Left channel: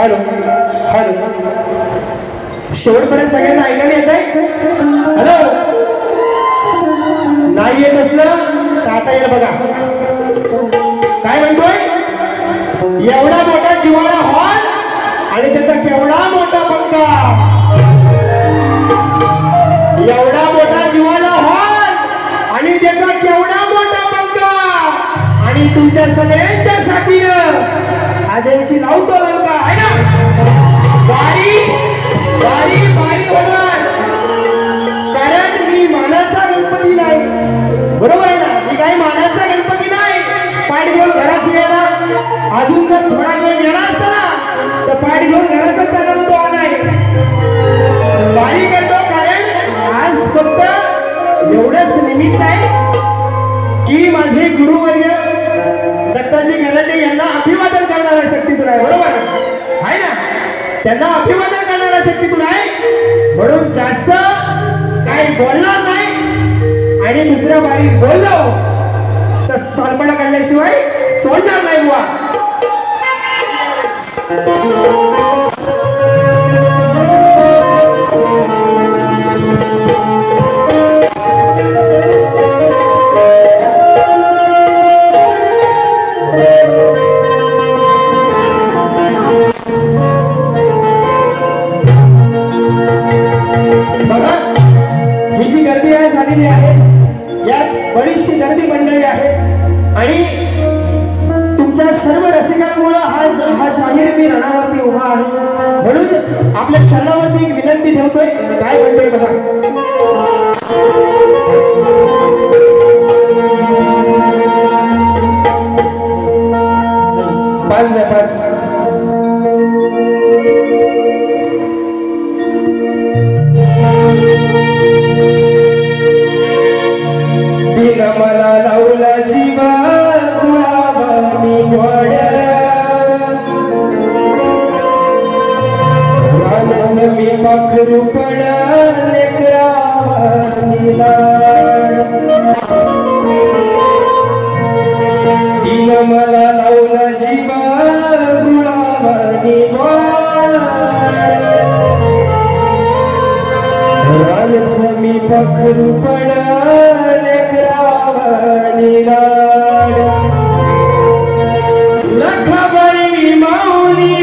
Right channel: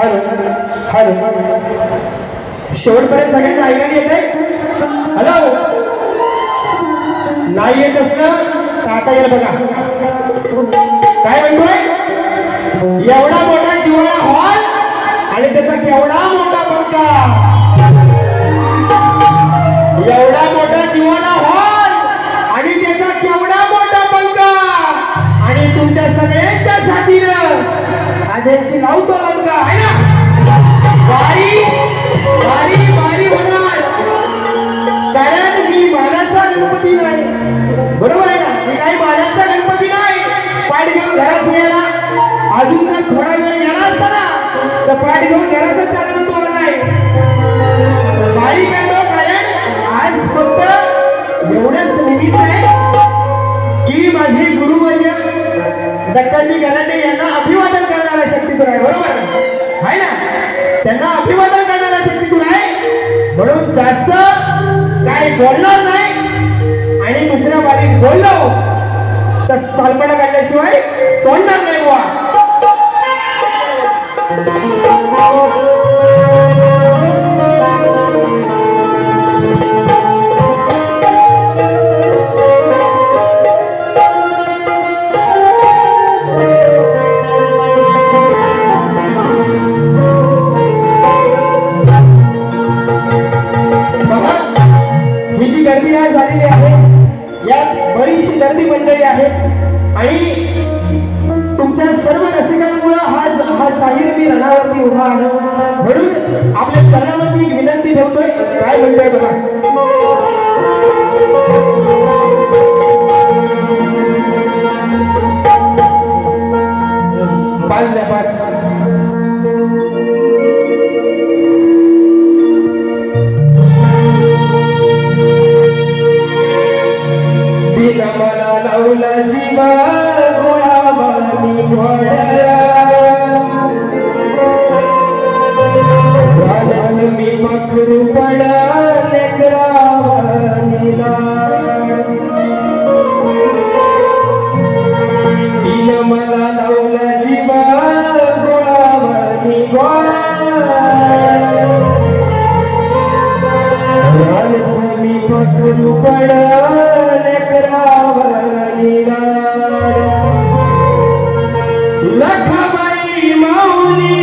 Hello hello शेवटपर्यंत सगळ्यांना ऐकायला येत आहे? हॅलो नाही येत असलं तर आता येईल बघा. काय म्हणतोय? एवढा मोठा जिव्हाळा हॉल आणि त्याचा केवढा मोठा पंखा. एवढा मोठा जिव्हाळा हॉल आणि त्याचा केवढा मोठा पंखा आणि तुमच्या सगळ्यांच्या साथीनं आजची लावतो लंका आहे ना. वारी वारी वारी होणार कारण मी मानाचा गणपती नाही. बरोबर आहे ना? मी काही मानाचा गणपती नाही. पाठ घेऊन घरात गेला. अजून जर थोडा वेळ गेला असता ना तर पाठ घेऊन घरातच जाणार होतो. नाही वारी करतो कारण आज फक्त एवढंच निमित्त आहे की माझे गुरुवर्य दत्ताजी गलांडे यांना अभिवादन करणारा शक्तीतून आहे. बरोबर आहे ना? त्यांना अभिवादन करणारा शक्तीतून आहे म्हणून जास्त काय बोलणार नाही. आणि दुसऱ्या वारीत बोललो तर सलकडा काढल्याशिवाय सोडणार नाही बुवा. आपल्या चरणावरती एक विनंती ठेवतोय. काय म्हणतोय बघा. पाच द्या पाच. दिन मला लावला जीवा गुलाबानी गोड मी पाखरू पडा लेकरावानी लाड. दिन मला लावला जीवा गुलाबानी गोड मी पाखरू पडा लेकरावानी लाड. लखाबाई माऊली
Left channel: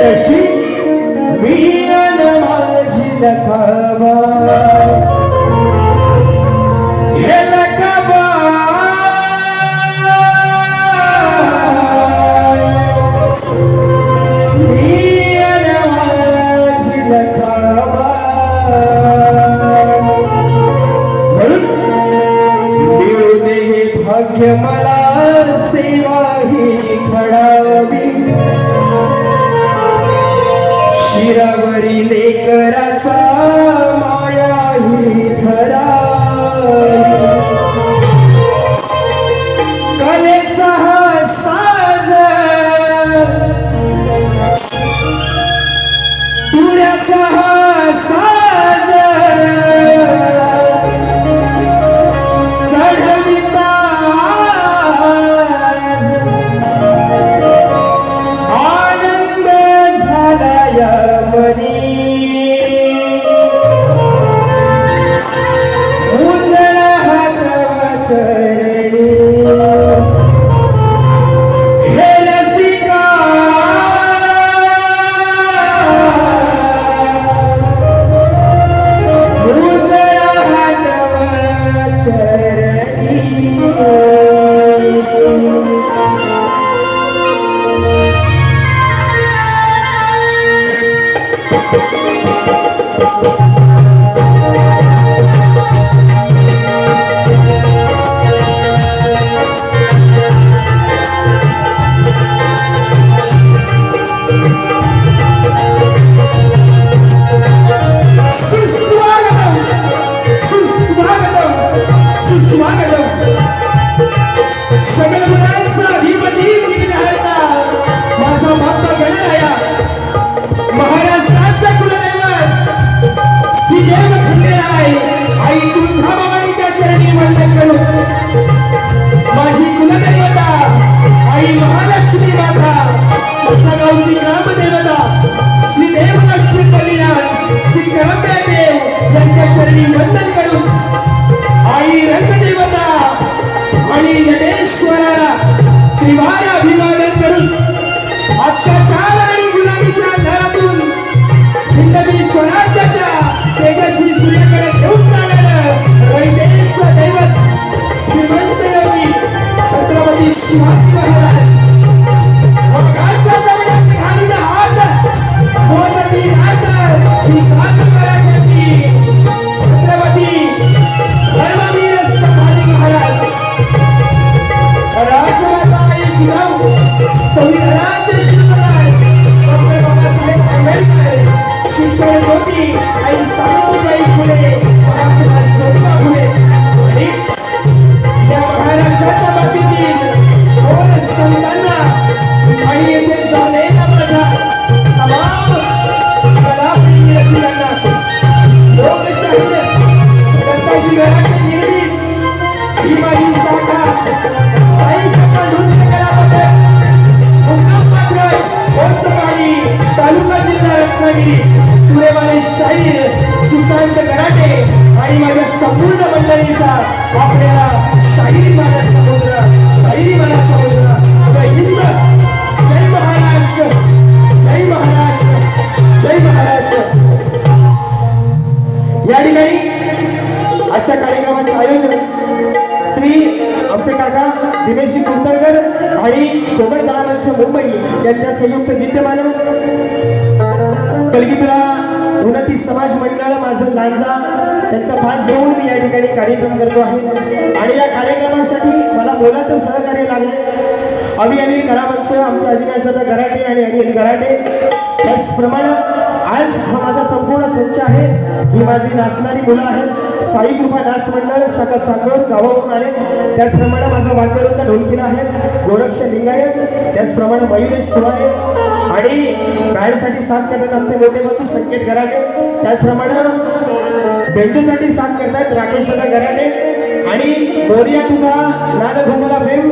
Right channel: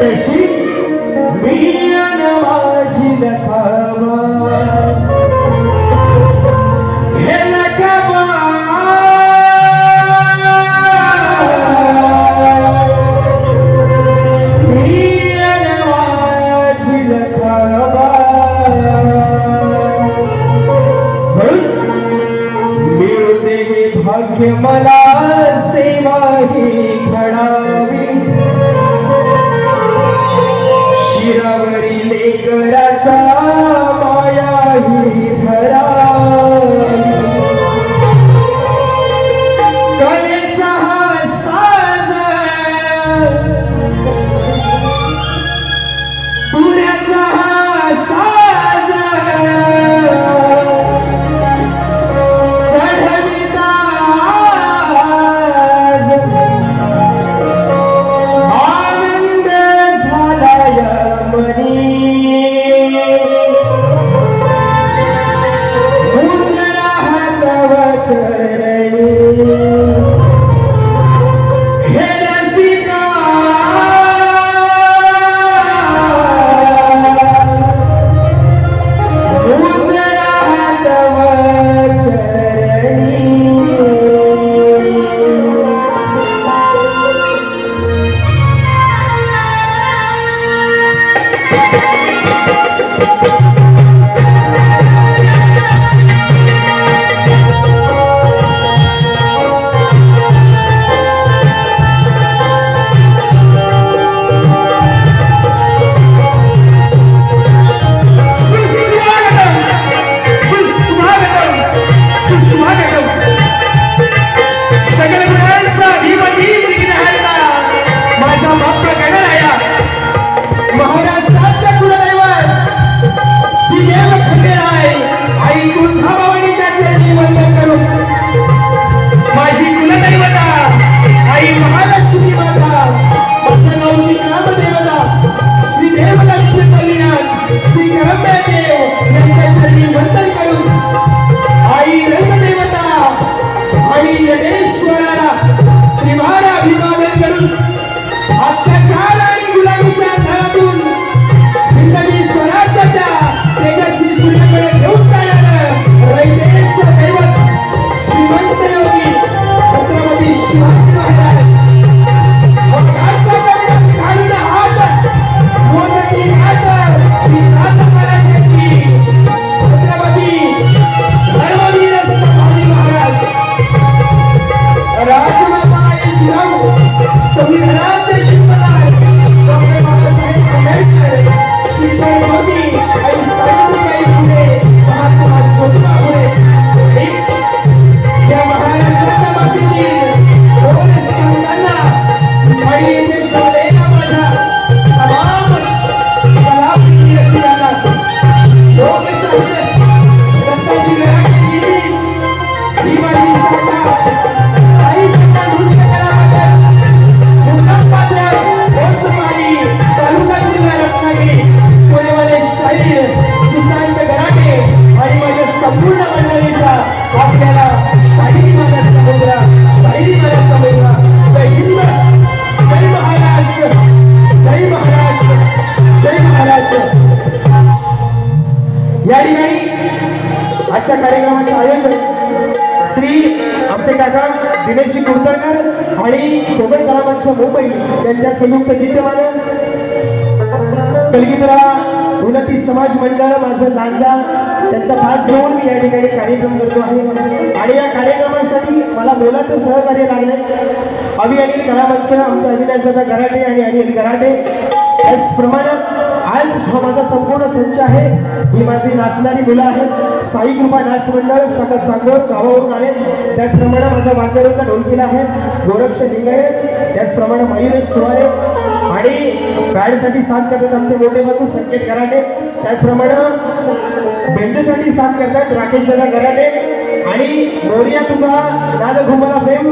तशी मी अन माझी लखाबा हे लखाबा मी अन माझी लखाबा. मिळू दे हे भाग्य मला सेवा ही घडावी. शिरावरी लेकराच्या माया ही धरावी. कलेचा हा साज तुऱ्याचा हा साज चढविता सुस्वागतम. सगळ गुणांचा अधिपती विघ्नहर्ता माझा बाप्पा गणराया, महाराष्ट्राचा कुलदैवत श्रीदेव खंडेराय आई तुळजाभवानीच्या चरणी वंदन करून माझी कुलदैवता आई महालक्ष्मी माता, माझ्या गावची ग्रामदेवता श्रीदेव लक्ष्मीपल्लीनाथ श्री गणपतीदेव यांच्या चरणी वंदन करून आई रंगदेवता आणि गणेश्वराला त्रिवार अभिवादन करून अत्याचार आणि गुलामीच्या अंधारातून जिंदगी स्वराज्याच्या तेजस्वी सूर्याकडे घेऊन जाणारं रयतेच दैवत श्रीमंत योगी छत्रपती शिवाजी महाराज अपघातचा दगडात घालून हात मोदकी हात ही सात मराठ्याची छत्रपती धर्मवीर संभाजी महाराज राजमाता आई जिजाऊ संविधानाचे शिल्पकार डॉक्टर बाबासाहेब आंबेडकर शिक्षण ज्योती आई सावित्रीबाई फुले महात्मा ज्योतिबा फुले आणि या महाराष्ट्राच्या मातीतील दोन संतांना आणि येथे जमलेल्या माझ्या तमाम कलाप्रेमी व्यक्तींना लोकशाहीर दत्ताजी गराटे निर्मित ही माझी शाखा साई शाखा नृत्य कलापथक मुक्काम पात्र वसुमारी तालुका जिल्हा रत्नागिरी पुणेवाले शाहीर सुशांत गराटे आणि माझ्या संपूर्ण मंडळीचा आपल्याला शाहीर माझा समुद्र, शाहिरी माझा समुद्र. जय हिंद, जय महाराष्ट्र, जय महाराष्ट्र, जय महाराष्ट्र. या ठिकाणी आजच्या कार्यक्रमाचे आयोजन श्री आमचे काका दिनेशजी कुलकर्णी आणि कोकण कलामंच मुंबई यांच्या संयुक्त विद्यमाने कलगीपुरा उन्नती समाज मंडळ माझं लांजा त्यांचा भाग घेऊन मी या ठिकाणी कार्यक्रम करतो आहे. आणि या कार्यक्रमासाठी मला मोलाचं सहकार्य लागले अनिल कलामंच आमचे अविनाशदादा गराटे आणि अनिल गराटे. त्याचप्रमाणे आज हा माझा संपूर्ण संच आहे. ही माझी नाचणारी मुलं आहेत. साई कृपा नाच मंडळ शाखा चांदोर गावावरून आले. त्याचप्रमाणे माझा वाद्यवृंद ढोलकीला आहे गोरक्ष लिंगायत. त्याचप्रमाणे मयुरेश सुराळे आणि बँडसाठी साथ करतात आमचे मोठे बंधू संकेत गराटे. त्याचप्रमाणे बेंजूसाठी साथ करतात राकेश दादा गराटे आणि मोरिया तुझा नाद घुमला फेम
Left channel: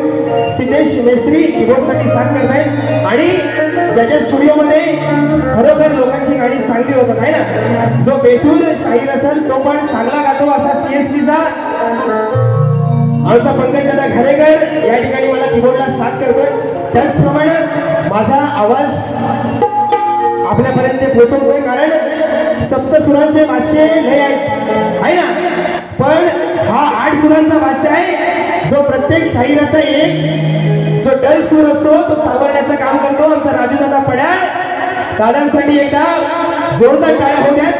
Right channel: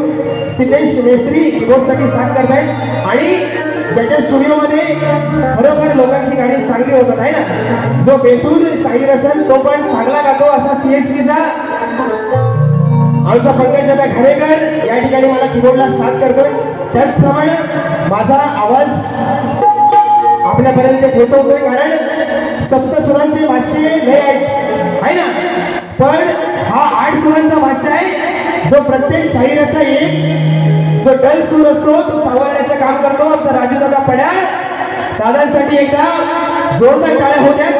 सिनेश मेस्त्री कीबोर्डसाठी साथ करतायत. आणि ज्याच्या स्टुडिओमध्ये खरोखर लोकांची गाणी चांगली होतात आहे ना, जो बेसूर शाहीर असेल तो पण चांगला गातो असा CSVचा आमचा पंकजदादा घरेकर या ठिकाणी मला कीबोर्डला साथ करतोय. त्याचप्रमाणे माझा आवाज आपल्यापर्यंत पोहोचवतोय कारण सप्तसुरांचे भाष्य लय आहे ना, पण हा 8 सुरांचा भाष्य आहे जो प्रत्येक शाहिराचा एक जो डल सूर असतो तो सावरण्याचं काम करतो आमचा राजूदादा पड्याळ. दादांसाठी एकदा जोरदार टाळ्या होऊ द्या.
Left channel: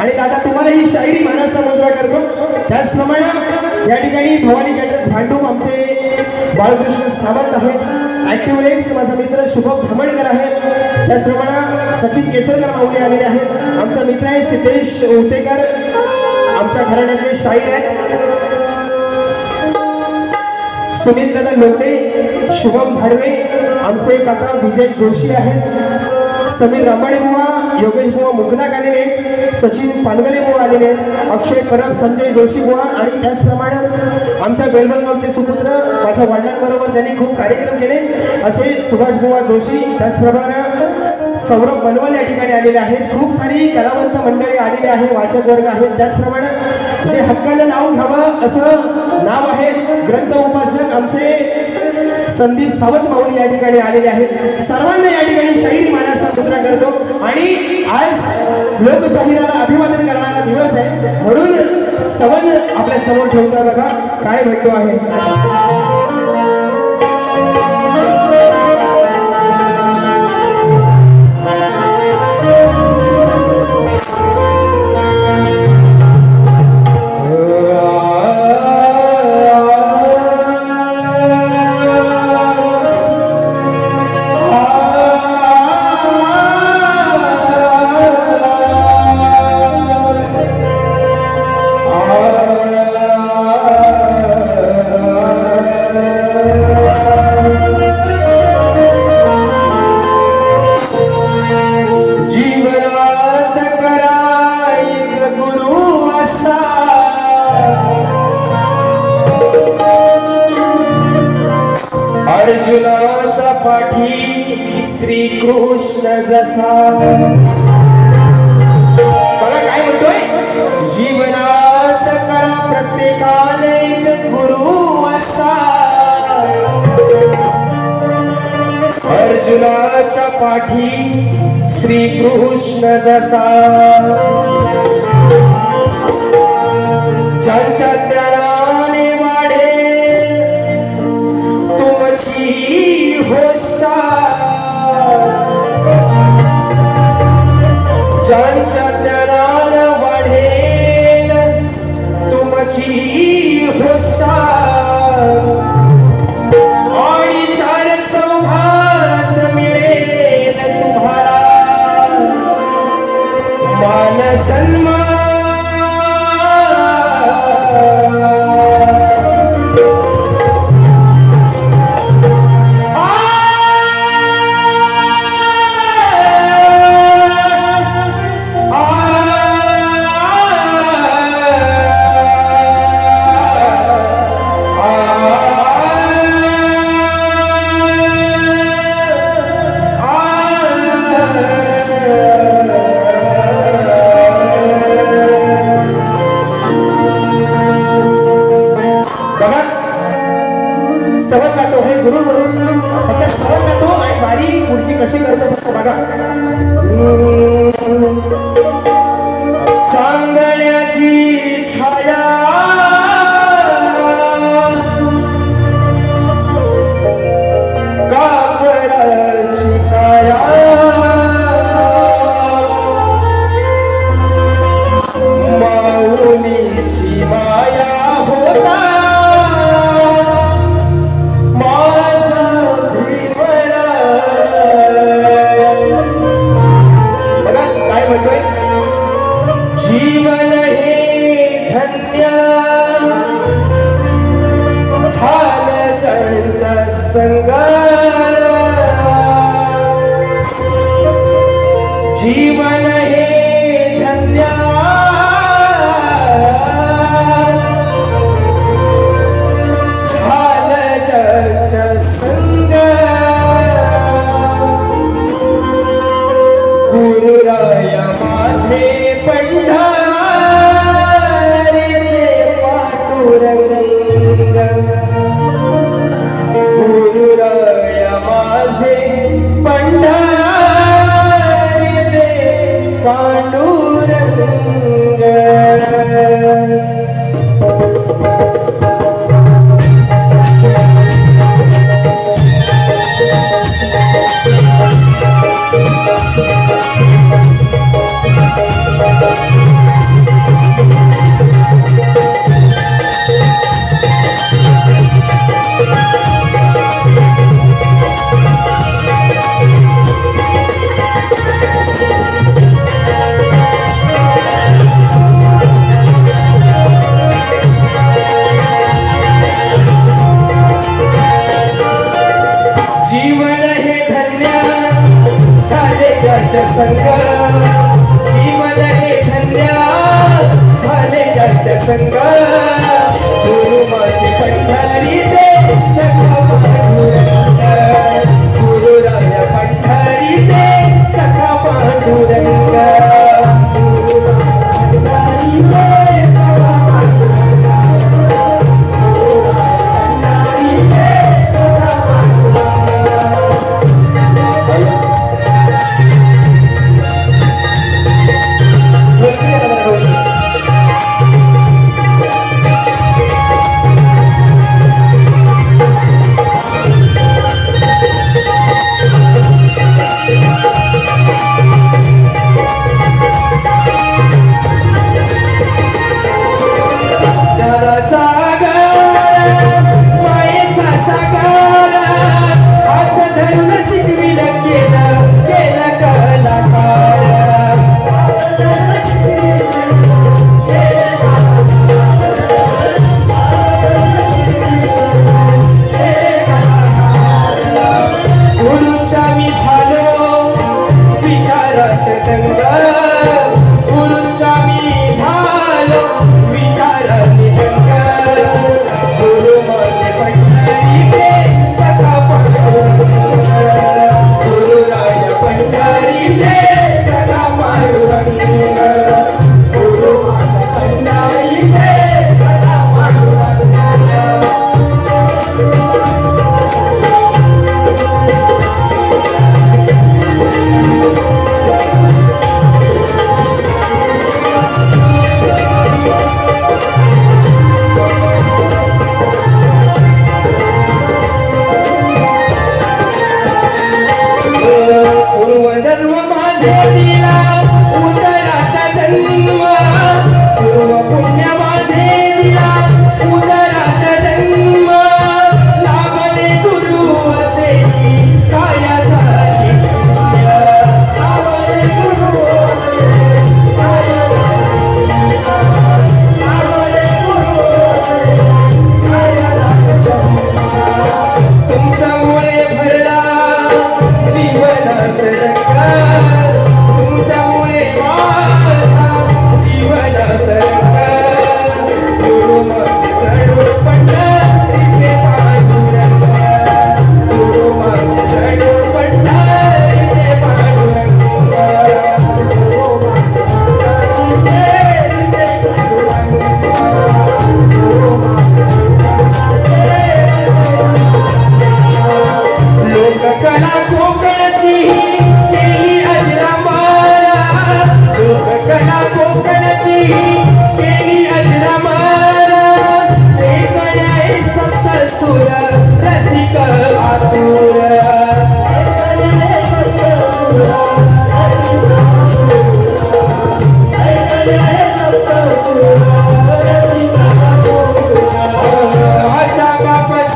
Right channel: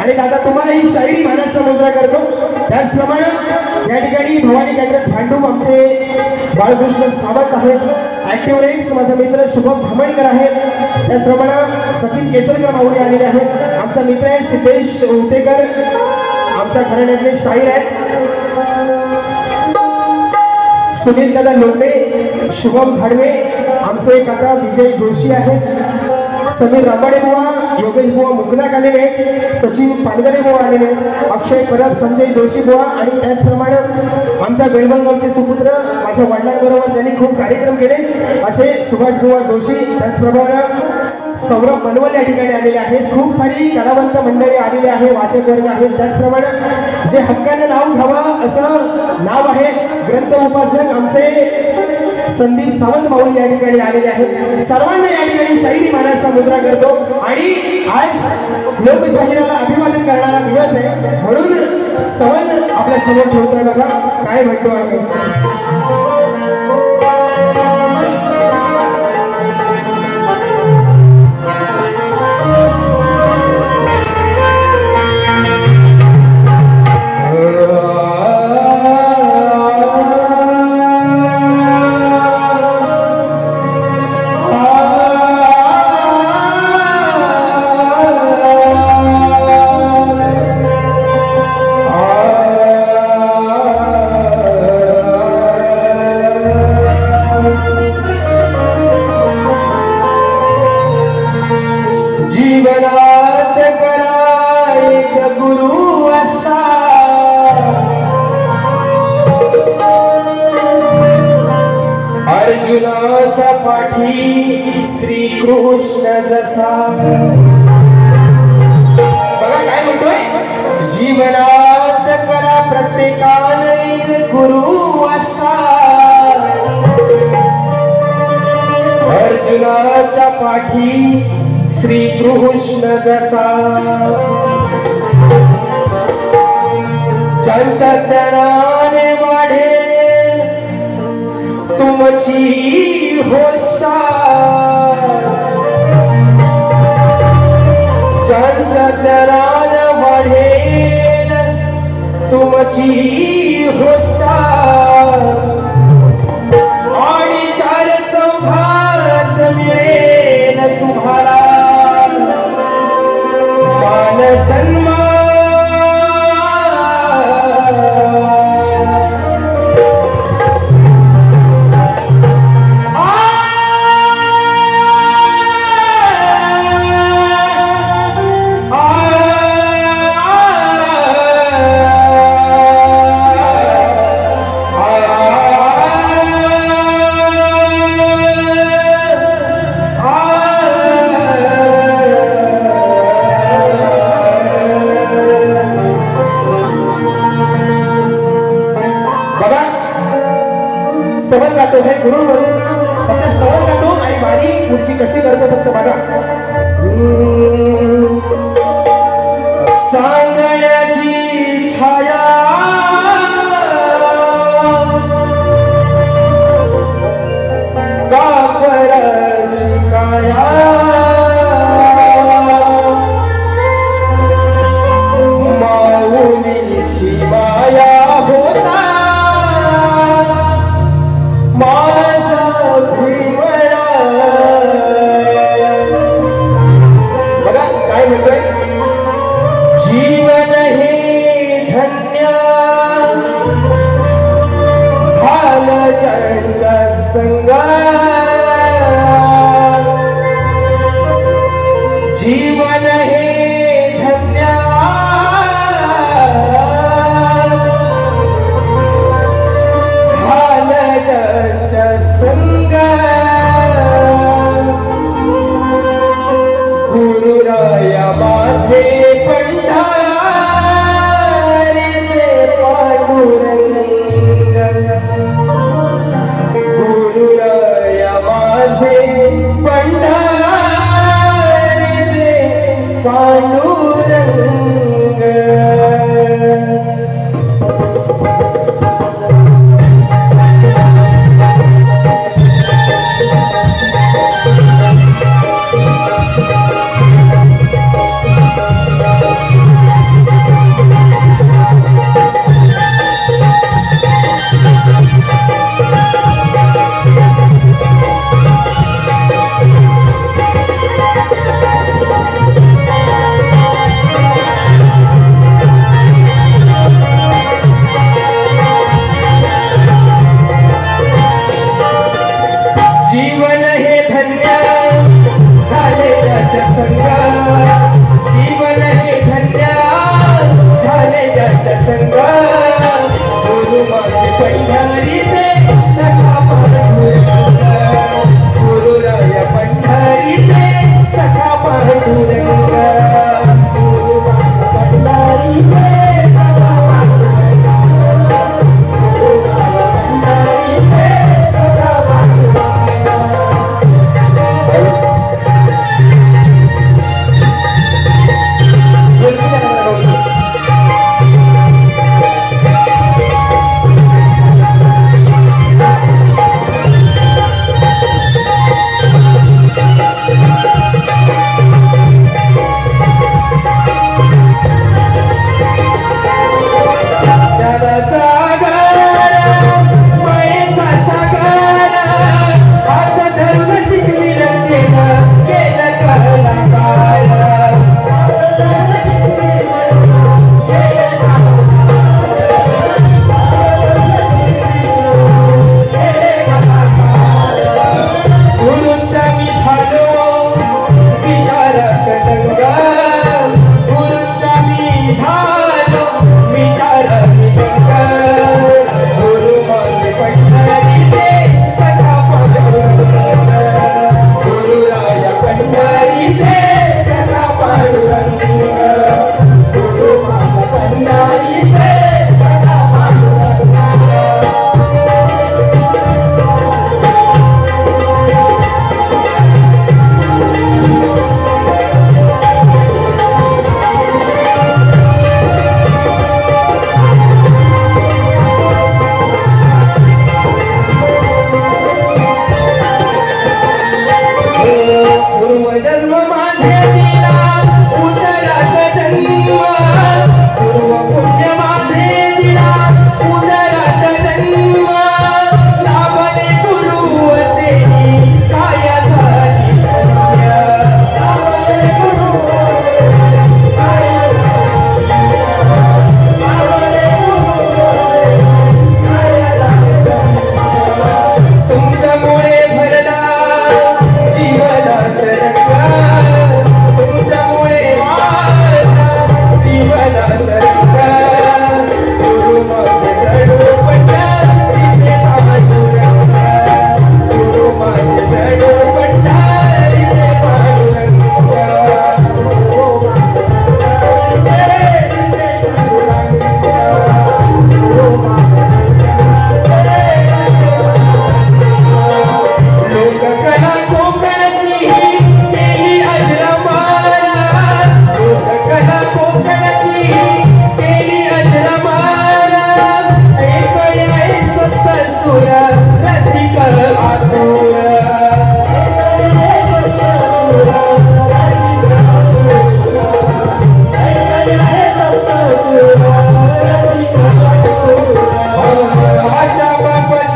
आणि दादा तुम्हाला ही शायरी मानस समुद्र करतो. त्याचप्रमाणे या ठिकाणी भवानी कॅटरर्स भांडू आमचे बाळकृष्ण सावंत आहेत. ऍक्टिव्ह एक्स माझा मित्र शुभम धामणकर आहे. त्याचप्रमाणे सचिन केसरकर माऊली आलेले आहेत. आमचा मित्र आहे सिद्धेश उतेकर आमच्या घराण्यातले शाहीर आहेत. सुनील दादा लोंढे शुभम धाडवे आमचे काका विजय जोशी आहेत. समीर रामाडे बुवा योगेश बुवा मुगनाक आलेले आहेत. सचिन पानगरे बुवा आलेले आहेत. अक्षय परब संजय जोशी बुवा आणि त्याचप्रमाणे आमच्या बेळगावचे सुपुत्र माझ्या वडिलांबरोबर त्यांनी खूप कार्यक्रम केले असे सुभाष बुवा जोशी. त्याचप्रमाणे सौरभ मनवल या ठिकाणी आलेले आहेत. खूप सारी कलावंत मंडळी आलेली आहे, वाचक वर्ग आहेत. त्याचप्रमाणे जे हक्कानं नाव घ्यावं असं नाव आहे ग्रंथ उपासक आमचे संदीप सावंत माऊली या ठिकाणी आलेले आहेत. सर्वांना या ठिकाणी शाहिरी मानाचा मुद्रा करतो. आणि आज लोकशाहीला अभिवादन करणारा दिवस आहे म्हणून सवन आपल्या समोर ठेवता बघा काय म्हणतो आहे. कृष्ण जसा बघा काय म्हणतोय जीवनात करा प्रत्येकाने एक गुरु असा अर्जुनाच्या पाठी श्री कृष्ण जसा ज्यांच्या ज्ञानाने वाढे तुमची होशा ज्यांच्या ज्ञानाने वाढेल तुमची होशा आणि चार चौघात मिळेल तुम्हाला मान सन्मान कशी करतो फक्त बघा चांदण्याची छाया कापराची काया माऊलीची माया होता जीवन हे धन्य झालं ज्यांच्या संग जीवन हे धन्य झालं ज्यांच्या संग गुरुराया माझे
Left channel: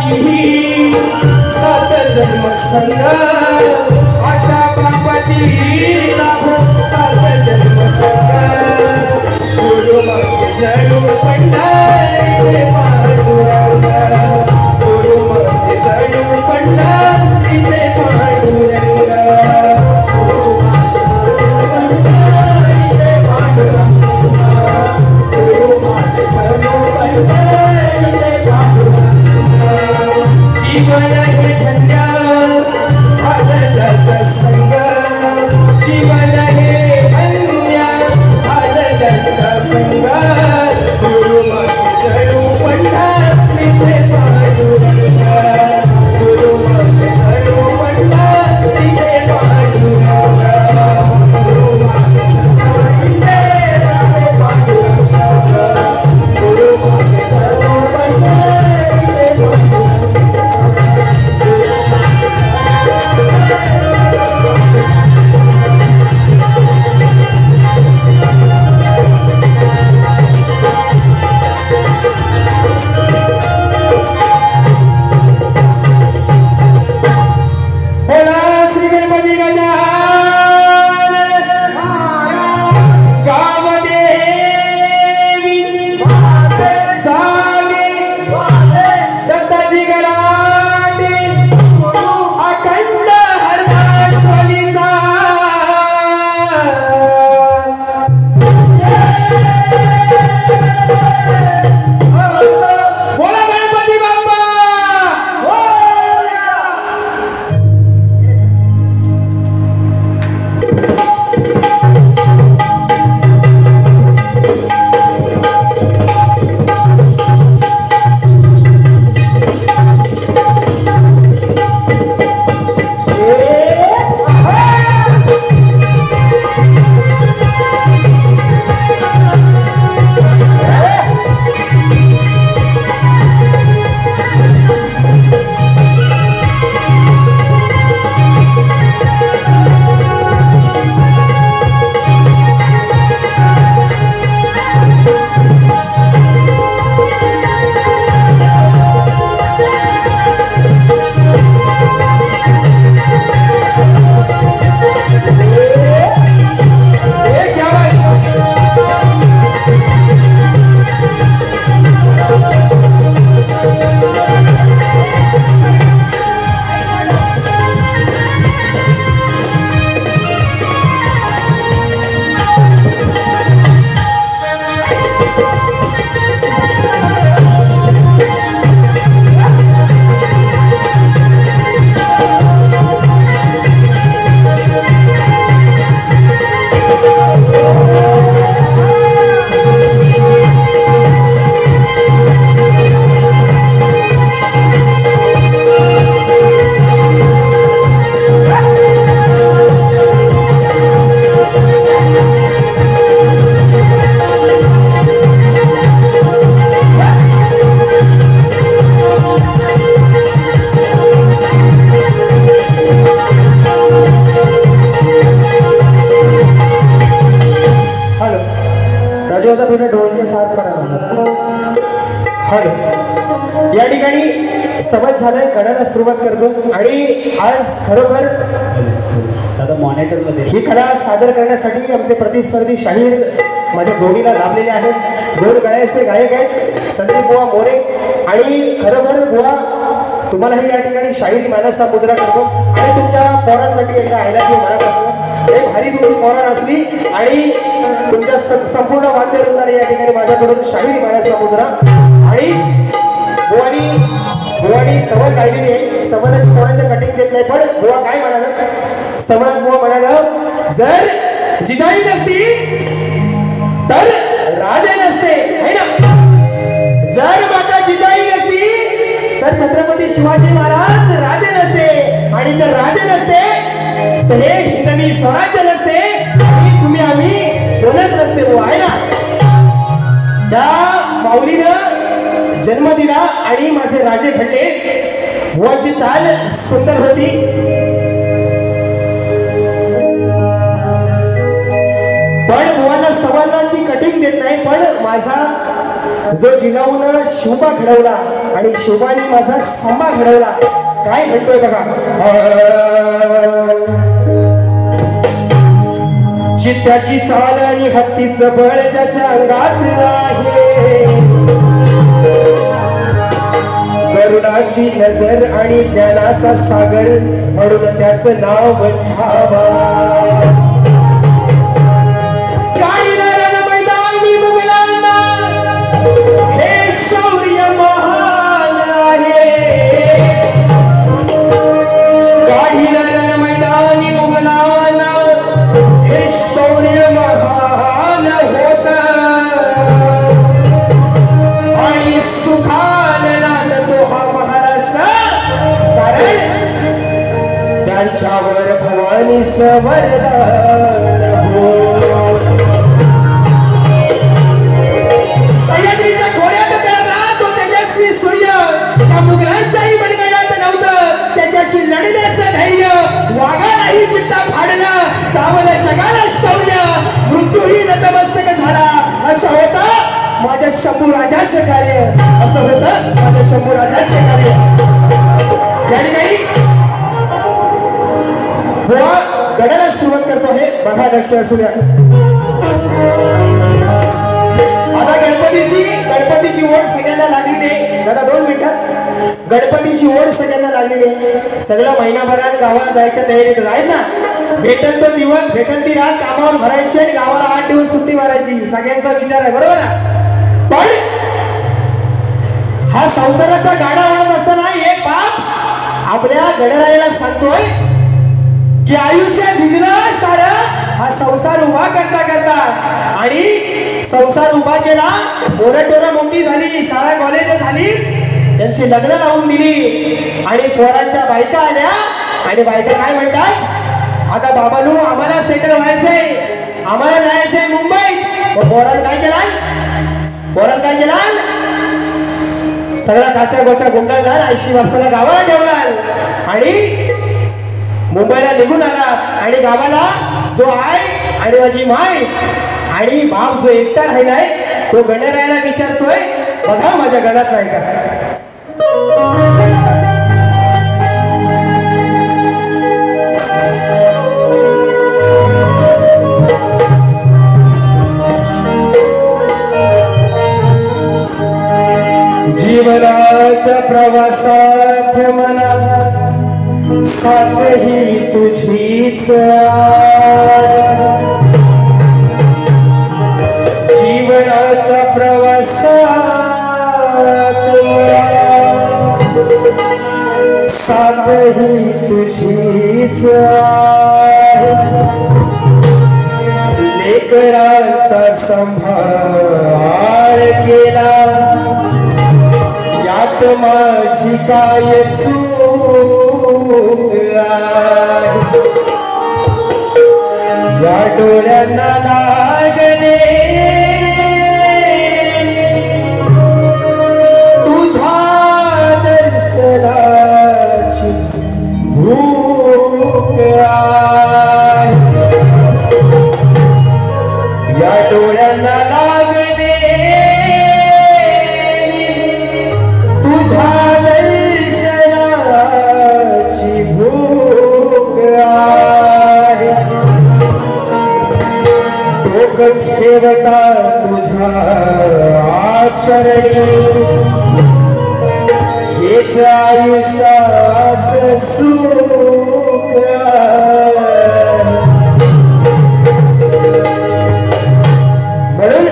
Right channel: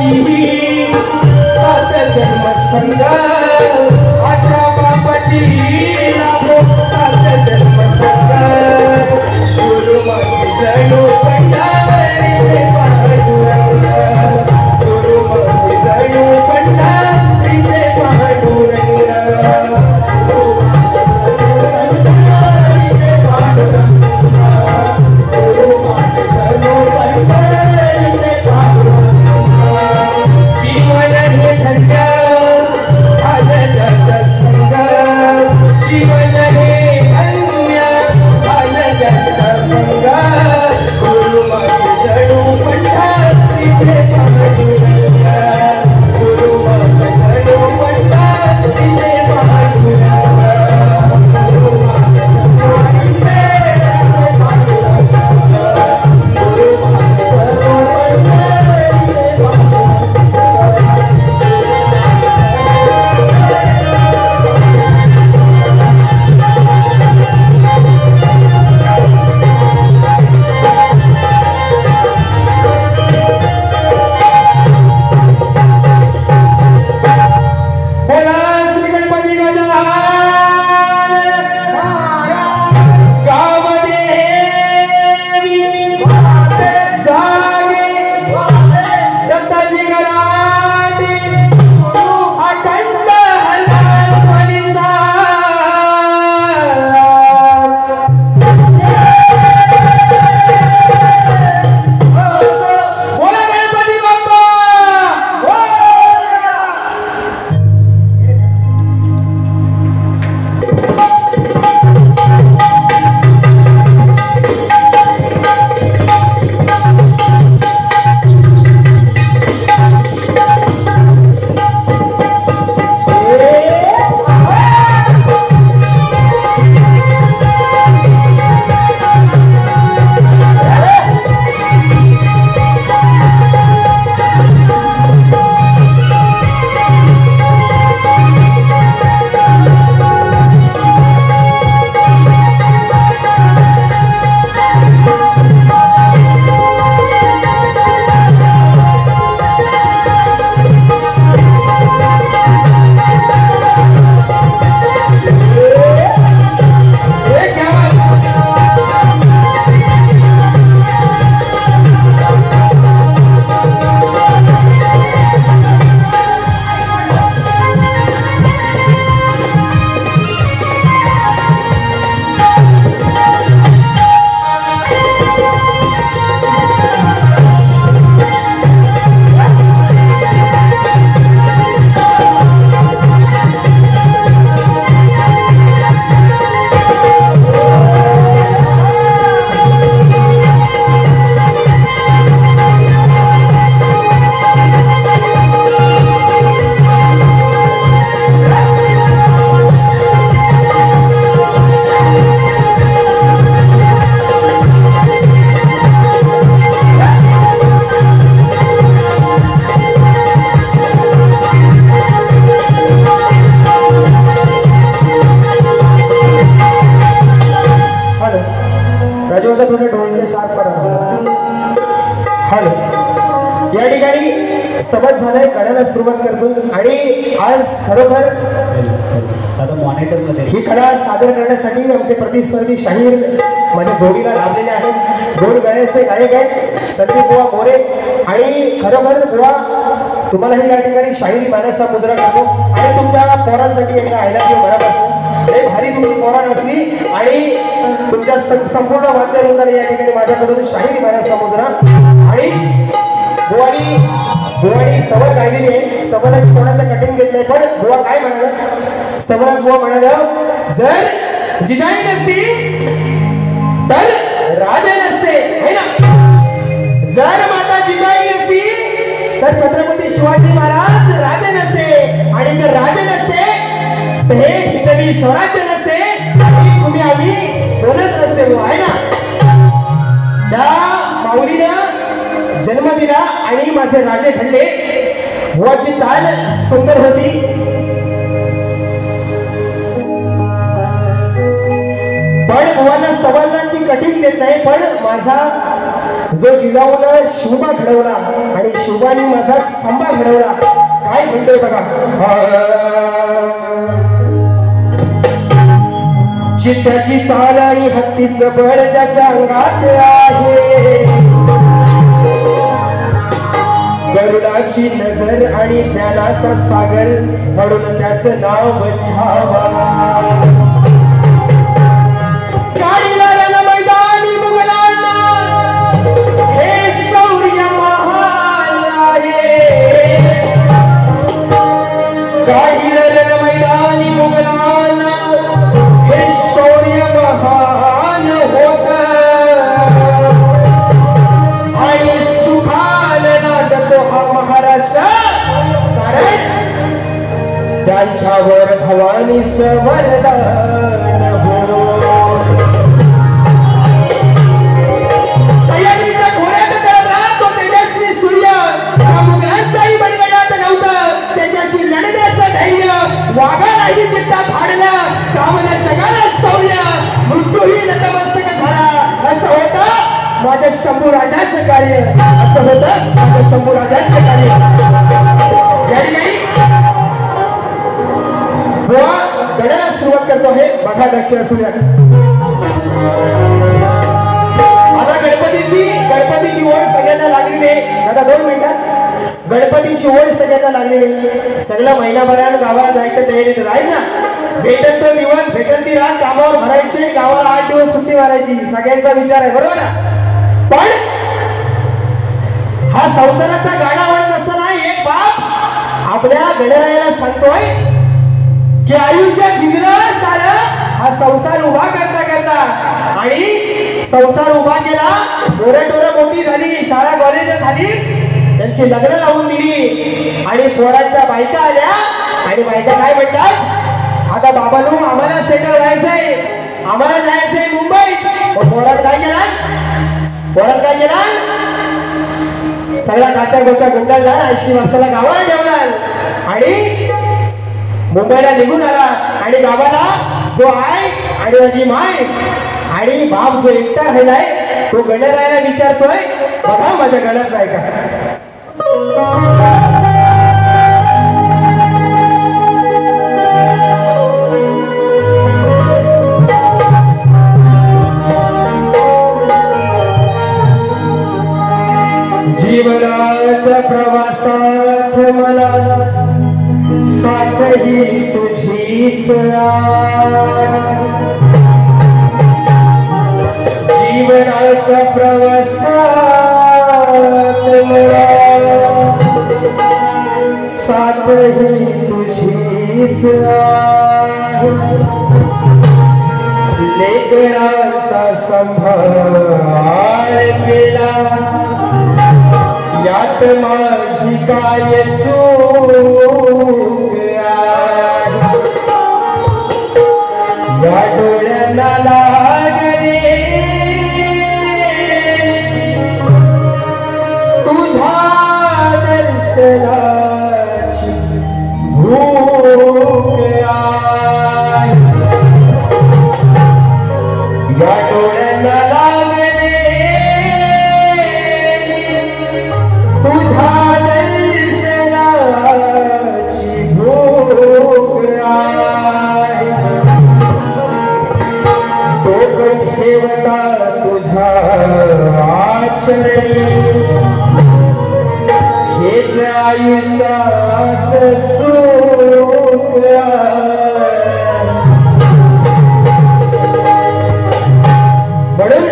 बापाची सात जन्म संग आशा बापाची लाभो सात जन्म संग गुरु माझे जणू पंढरीचे पांडुरंग गुरु माझे जणू पंढरीचे पांडुरंग जीवन हे झंझट झालं जग संग जीवन हे धन्य झालं जगच्या संग गुरु माझे जणू पंढरीचे पांडुरंग गुरु माझे जणू पंढरीचे पांडुरंग गुरु माझे जणू पंढरीचे पांडुरंग गुरु माझे जणू पंढरीचे या ठिकाणी स्तबत झालंय गाण्याला सुरुवात करतो आणि आज खरोखर ही कला सादर करण्यासाठी आमचे प्रतिस्पर्धी शाहीर माझ्या जोडीला लाभलेले आहेत. दोन गळ्याचे गायक आहेत संदीप बुवा मोरे आणि खरोखर बुवा तुम्हालाही या ठिकाणी शाहिरी गाण्याचा मुजरा करतो आणि तुमच्या पोरांसाठी एकदा आयला की मनापासून एक भारी तुमची पोरां असली आणि तुमच्या संपूर्ण वाद्य वृंदाने या ठिकाणी माझ्याकडून शाहिरी गाण्याचा मुजरा आणि बुवानी स्तवन गायलेली आहे. स्तवनाची कोणाच्या कटिंग देत नाही पण बुवा काय म्हणाला स्तवनात बुवा म्हणाला जर जिजाई नसती तर राजा नसते है ना. जर माता जिजाई नसती तर छत्रपती शिवाजी महाराज राजे नसते आणि जर राजे नसते तर हे हिंदवी स्वराज्य नसते आणि तुम्ही आम्ही कोणच नसते बुवा है ना. त्या माऊलीनं जन्म दिला आणि माझे राजे घडले. बुवाची चाल सुंदर होती. पण बुवांना स्तवनाची कटिंग देत नाही पण माझा जो जिजाऊन शिवबा घडवला आणि शिवानी माझा संभा घडवला. काय म्हणतोय बघा. चित्त्याची चाल आणि हत्तीचं बळ ज्याच्या अंगात आहे, करुणाची नजर आणि ज्ञानाचा सागर म्हणून त्याचं नाव बचावा. वरदान हो. सह्याद्रीच्या खोऱ्यात तळमळा तो तेजस्वी सूर्य, त्या मुघलांच्याही मनगटात नव्हतं त्याच्याशी लढण्याचं धैर्य. वाघालाही चित्ता फाडला, गावाला जगाला शौर्य, मृत्यूही नतमस्तक झाला. असं होतं माझ्या शंभू राजाचं कार्य, असं होतं माझ्या शंभू राजाचं कार्य. या ठिकाणी गडाला सुरुवात करतो आहे. बघा लक्ष असू द्या. आता गणपतीची ओढ सगळ्यांना लागलेली आहे. दादा 2 मिनिटं. गणपतीची ओढ सगळ्यांना लागलेली आहे. सगळं महिनाभरानं गावाला जायच्या तयारीत आहेत ना. भेटत तो दिवस, भेटत ती रात कामावर भरायची आणि गावाला 8 दिवस सुट्टी मारायची. सगळ्यांचा विचार आहे, बरोबर ना. पण हा संसाराचा गाडा आवडत असताना एक बाप आपल्या गणरायाला सांगतोय की आयुष्य झिजलं सारं हा संसार उभा करता करता. आणि संसार उभा केला, पोरं मोठी झाली, शाळा कॉलेज झाली, त्यांची लग्न लावून दिली आणि पोरांच्या बायका आल्या. आणि बायका काय म्हणतात, आता बाबांनो आम्हाला सेटल व्हायचंय, आम्हाला जायचंय मुंबईत. पोरांनी काय केलं, सगळा काचा गोचा गुंडाळला, 80 वर्षाला गावाला ठेवला आणि मुंबईला निघून आला. आणि गावाला जो आई आणि माझी माय आणि बाप जो एकटा राहिलाय तो गणरायाला विचारतोय, बघा माझ्या गणात नाही का. जीवनाच्या प्रवासात मला साथही तुझीच. जीवनाच्या प्रवासात साथही तुझीच. लेकरांचा संभाळ केला यात माझी काय चूक. या डोळ्यांना लागले तुझ्या दर्शनाची भूक. या डोळ्यांना लागले तुझ्या दर्शनाची भूक. ठेवता तुझ्या चरणी हेच आयुष्याचं सुख. म्हणून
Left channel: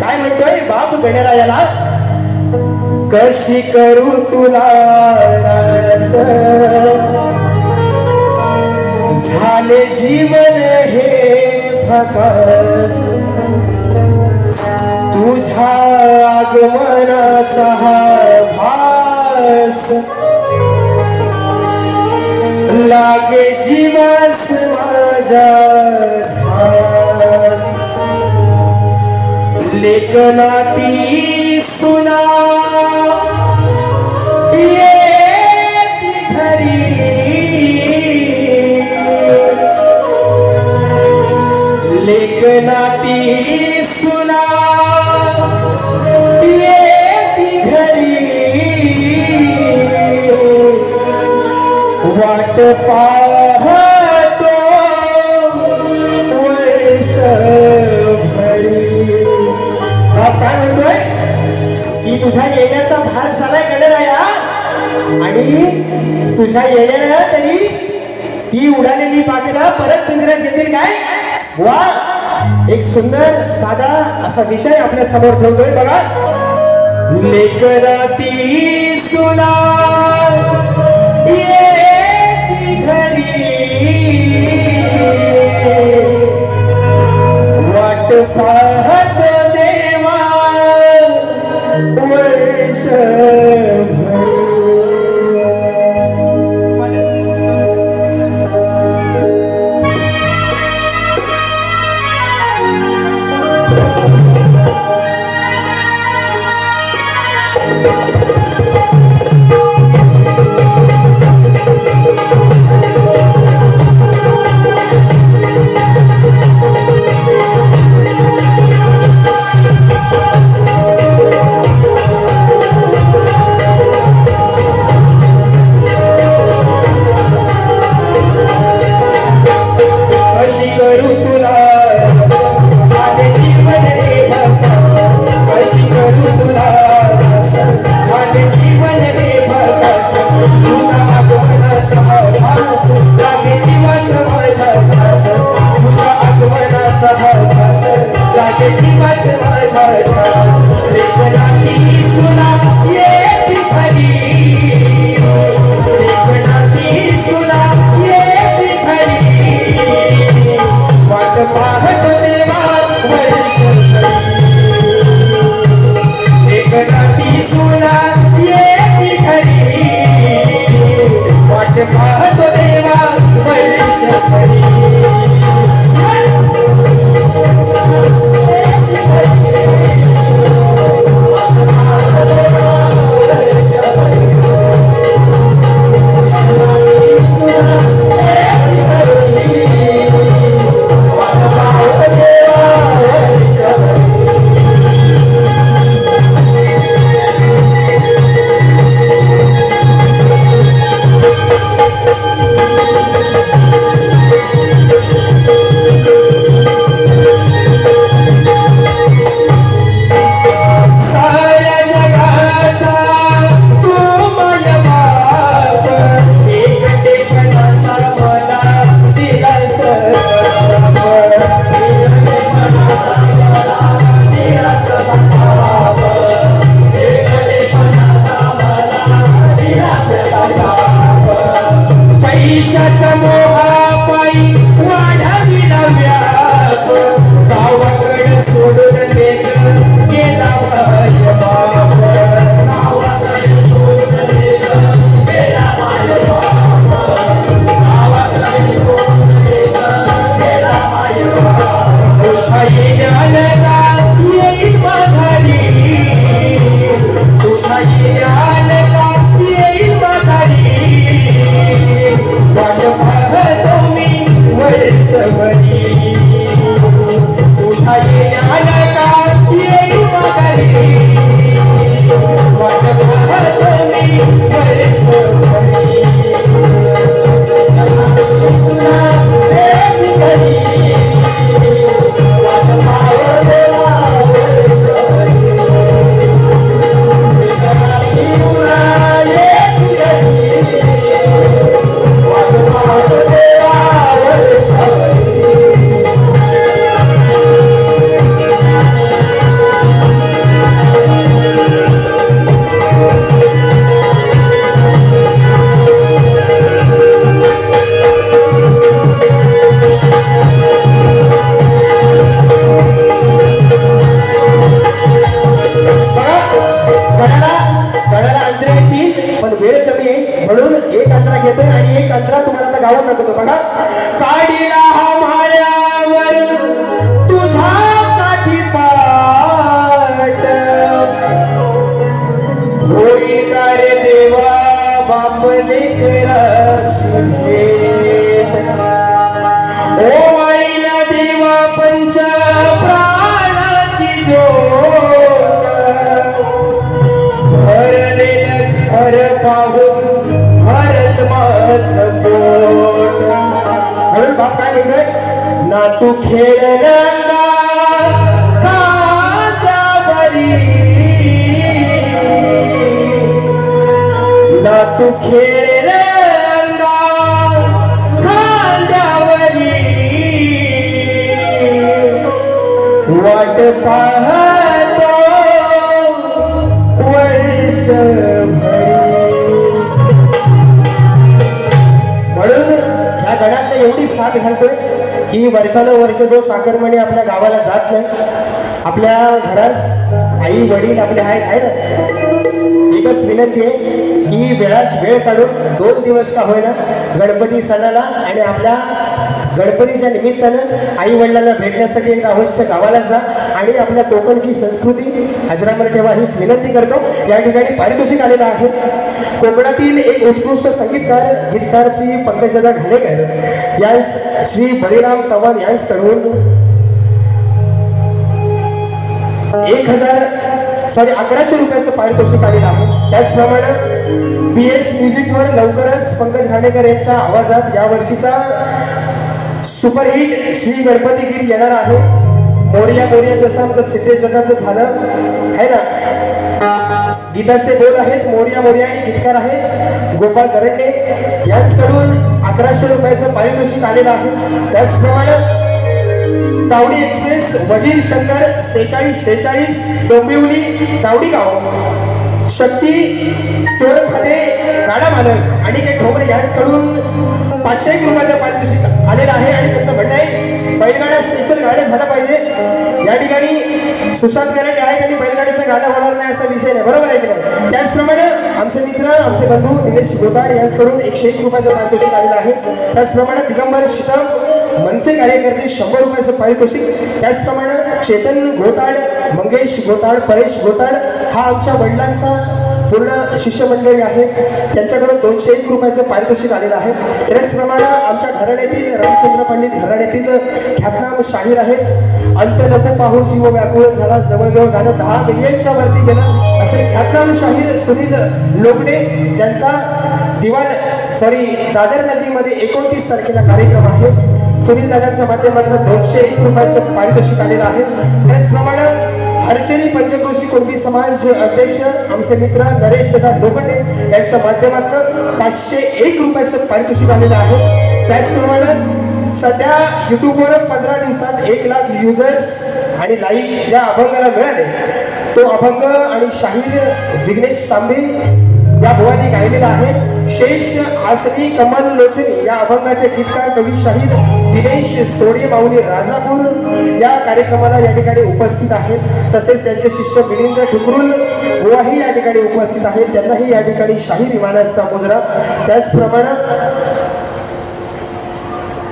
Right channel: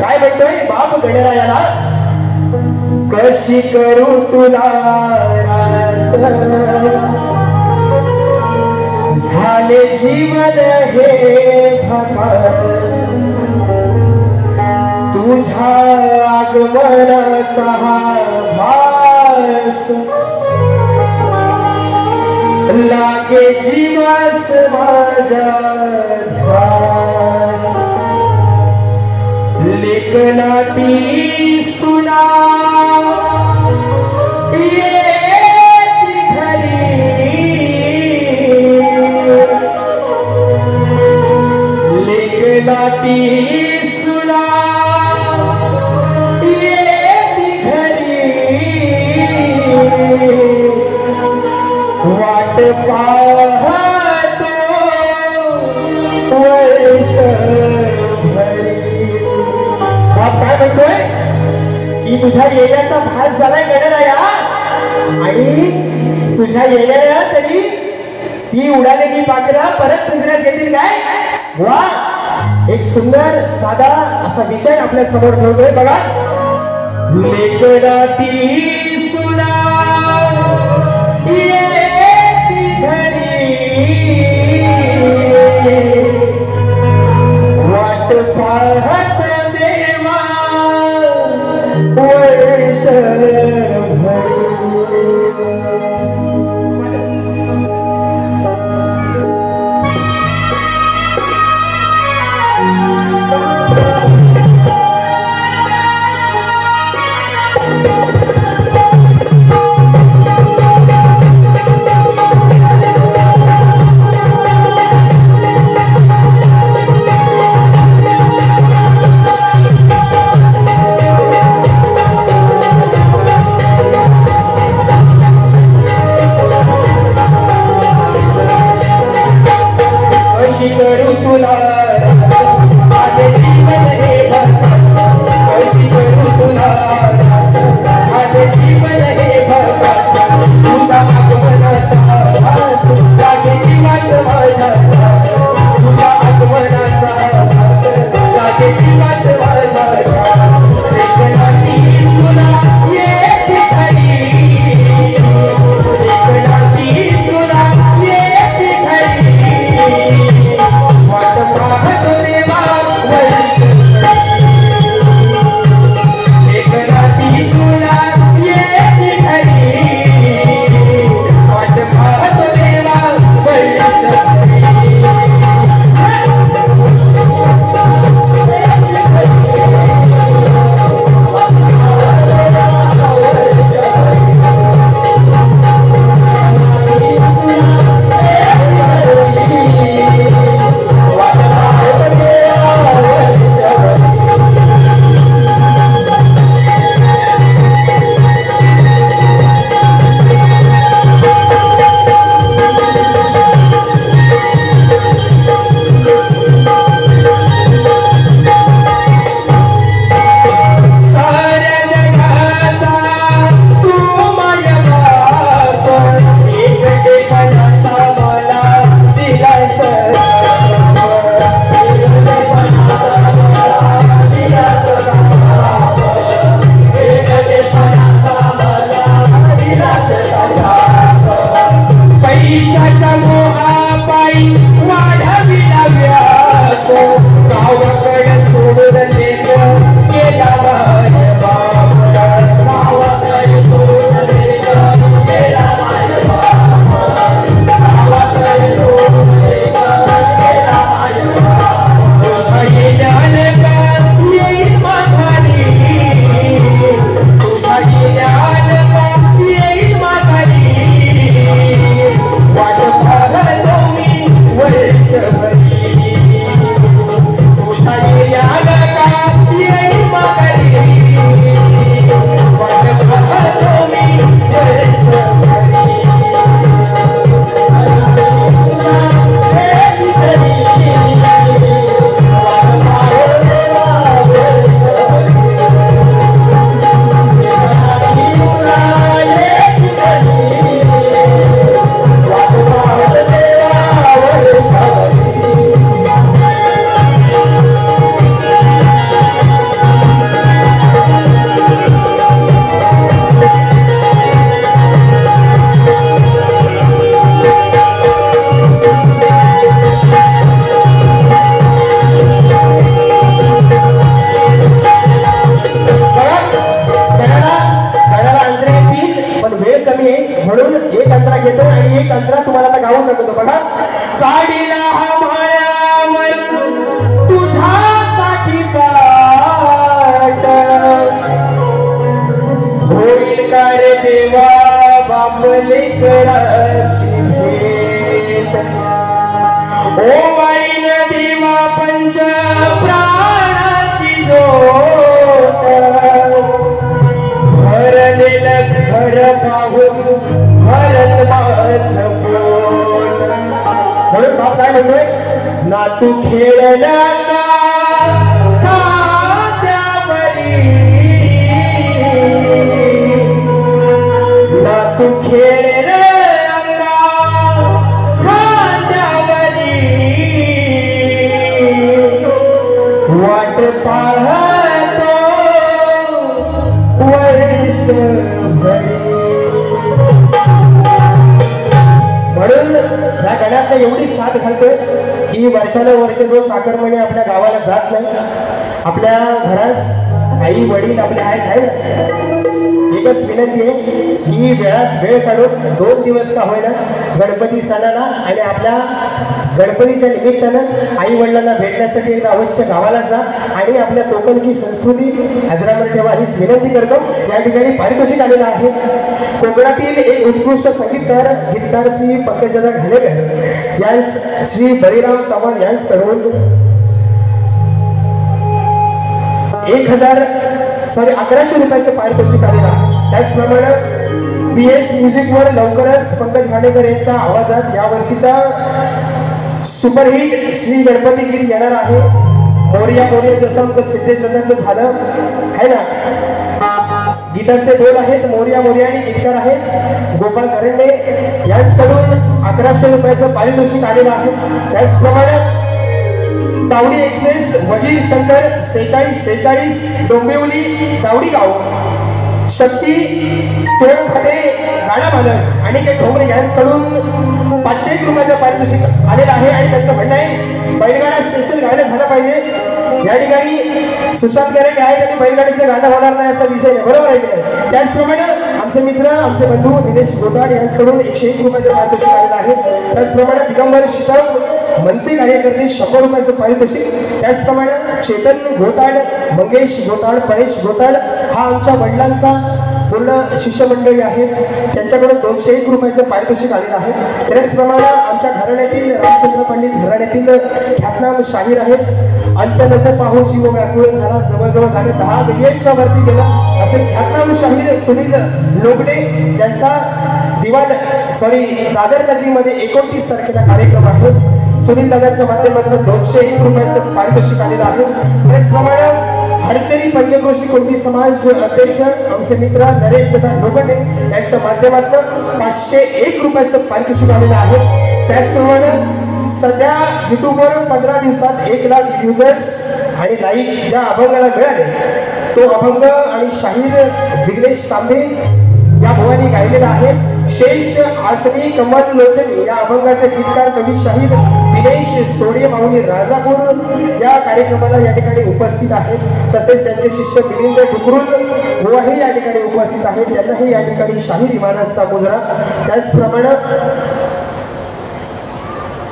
काय म्हणतोय बाप गणरायाला, कशी करू तुला रास, झाले जीवन हे भकास. तुझ्या आगमनाचा हा भास लागे जीवास माझ्या ध्यास. लेखनाती सुना येती घरी, लेखनाती सुना येती घरी. पाहतो वर्ष बाप काय म्हणतोय की तुझ्या येण्याचा भास झाला गेलेला यार आणि तुझ्या येण्याला तरी ती उडालेली पाखरं परत पिंजऱ्यात येतील काय वा एक सुंदर साधा असा विषय आपल्या समोर ठेवतोय बघा लेकराती सुना येती घरी वाट पाहत देवा वर्ष पाहून भरत माझ ना तू खेळला तू खेळले खांद्यावरी वाट पाहतो वर्षभर. म्हणून ह्या गणात एवढी साथ घालतोय की वर्षानुवर्ष जो चाकरमणी आपल्या गावाला जात नाही. आपल्या घरास आई वडील आपले आहेत आहे ना. एकच विनंती आहे की वेळात वेळ काढून 2 दिवस का होईना गणपती सणाला आणि आपल्या गणपतीच्या निमित्तानं आई वडिलांना भेटण्यासाठी एकदा अवश्य गावाला जा आणि आपल्या कोकणची संस्कृती अजरामर ठेवा हीच विनंती करतो. या ठिकाणी पारितोषिक आलेलं आहे. कोकणातील एक उत्कृष्ट संगीतकार गीतकार श्री पंकजदा घालेकर यांस श्री बळीराम चव्हाण यांच्याकडून 1100 रुपयाचं पारितोषिक आलेलं आहे. त्याचप्रमाणे PS म्युझिक वर लवकरच पंकज घाणेकर यांच्या आवाजात या वर्षीचा सुपरहिट श्री गणपती गीत येणार आहे. मोरया मोरया जसं आमचं सिद्धेश्वराचं झालं आहे ना. गीताचे बोल आहेत मोरया मोरया आणि गीतकार आहेत गोपाळ करंडे यांच्याकडून 1100 रुपयाचं पारितोषिक आलेलं आहे. त्याचप्रमाणे तावडी एक्सप्रेस वजीर शंकर 4646 डोंबिवली तावडी गाव शक्ती तोरखाते गाडा मालक आणि के ठोंबरे यांच्याकडून 501 रुपयाचं पारितोषिक आलेलं आहे. आणि त्यांचं म्हणणं आहे बैलगाडा स्पेशल गाडा झाला पाहिजे. या ठिकाणी सुशांत गराटे आहेत आणि बैलगाडीचं गाणं होणार नाही असा विषय नाही. बरोबर आहे की नाही. त्याचप्रमाणे आमचे मित्र आमचे बंधू निलेश गोताड यांच्याकडून 101 रुपयाचं पारितोषिक आलेलं आहे. त्याचप्रमाणे दिगंबर शिकम मनसे कार्यकर्ते 100 रुपयाचं पारितोषिक. त्याचप्रमाणे चेतन गोताड मंगेश गोताड परेश गोताड हा आमच्या वडिलांचा पूर्ण शिष्यमंडळी आहेत. त्यांच्याकडून 201 रुपयाचं पारितोषिक आलेलं आहे. त्याचप्रमाणे आमच्या घराण्यातील रामचंद्र पंडित घराण्यातील ख्यातनाम शाहीर आहेत. अंत्य नको पाहू जीव व्याकुळ झाला जवळजवळ गाणं 10 मिलियनच्या वरती गेलं असे ख्यातनाम शाहीर सुनील लोगडे ज्यांचा दादर नगरीमध्ये 29 तारखेला कार्यक्रम आहे. सुनील दादांच्या माध्यमातून 201 रुपयाचं पारितोषिक आलेलं आहे. त्याचप्रमाणे हरचरी पंचक्रोशी कुणबी समाज अध्यक्ष आमचे मित्र नरेश दादा लोखंडे यांच्या माध्यमातून 501 रुपयाचं पारितोषिक आलेलं आहे. त्याचप्रमाणे सध्या युट्यूबवर 15 दिवसात 1 लाख युजर्स आणि लाईक ज्या अभंगाला मिळाले तो अभंग आणि शाहीर विघ्नेश तांबे या भुवानी गायलेला आहे. शेष आसनी कमल लोचनी या अभंगाचे गीतकार कवी शाहीर दिनेश सोडे माऊली राजापूर या कार्यक्रमाला या ठिकाणी उपस्थित आहेत. तसेच त्यांचे शिष्य मिलिंद ठुकरुल बुवाही या ठिकाणी उपस्थित आहेत. त्यांनाही या ठिकाणी शाहीर इमानाचा मुजरा. त्याचप्रमाणे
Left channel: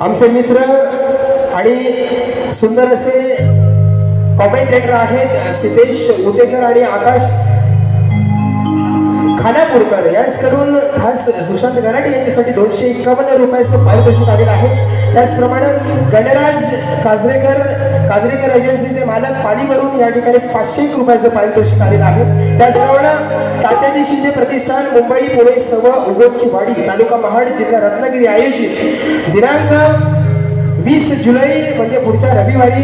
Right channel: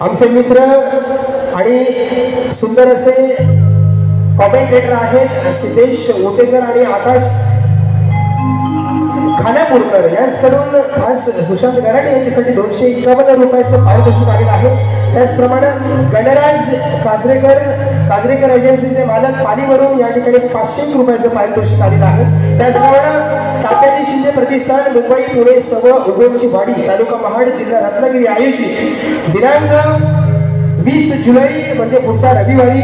आमचे मित्र आणि सुंदर असे कॉमेंटेटर आहेत सिद्धेश उटेकर आणि आकाश खानापूरकर यांच्याकडून खास सुशांत गराटे यांच्यासाठी 251 रुपयाचं पारितोषिक आलेलं आहे. त्याचप्रमाणे गणराज काजरेकर एजन्सीचे मालक पाणीवरून या ठिकाणी 501 रुपयाचं पारितोषिक आलेलं आहे. त्याचप्रमाणे तात्याजी शिंदे प्रतिष्ठान मुंबई पुणे सर्व उगवची वाडी तालुका महाड जिल्हा रत्नागिरी आयोजित दिनांक 20 जुलै म्हणजे पुढच्या रविवारी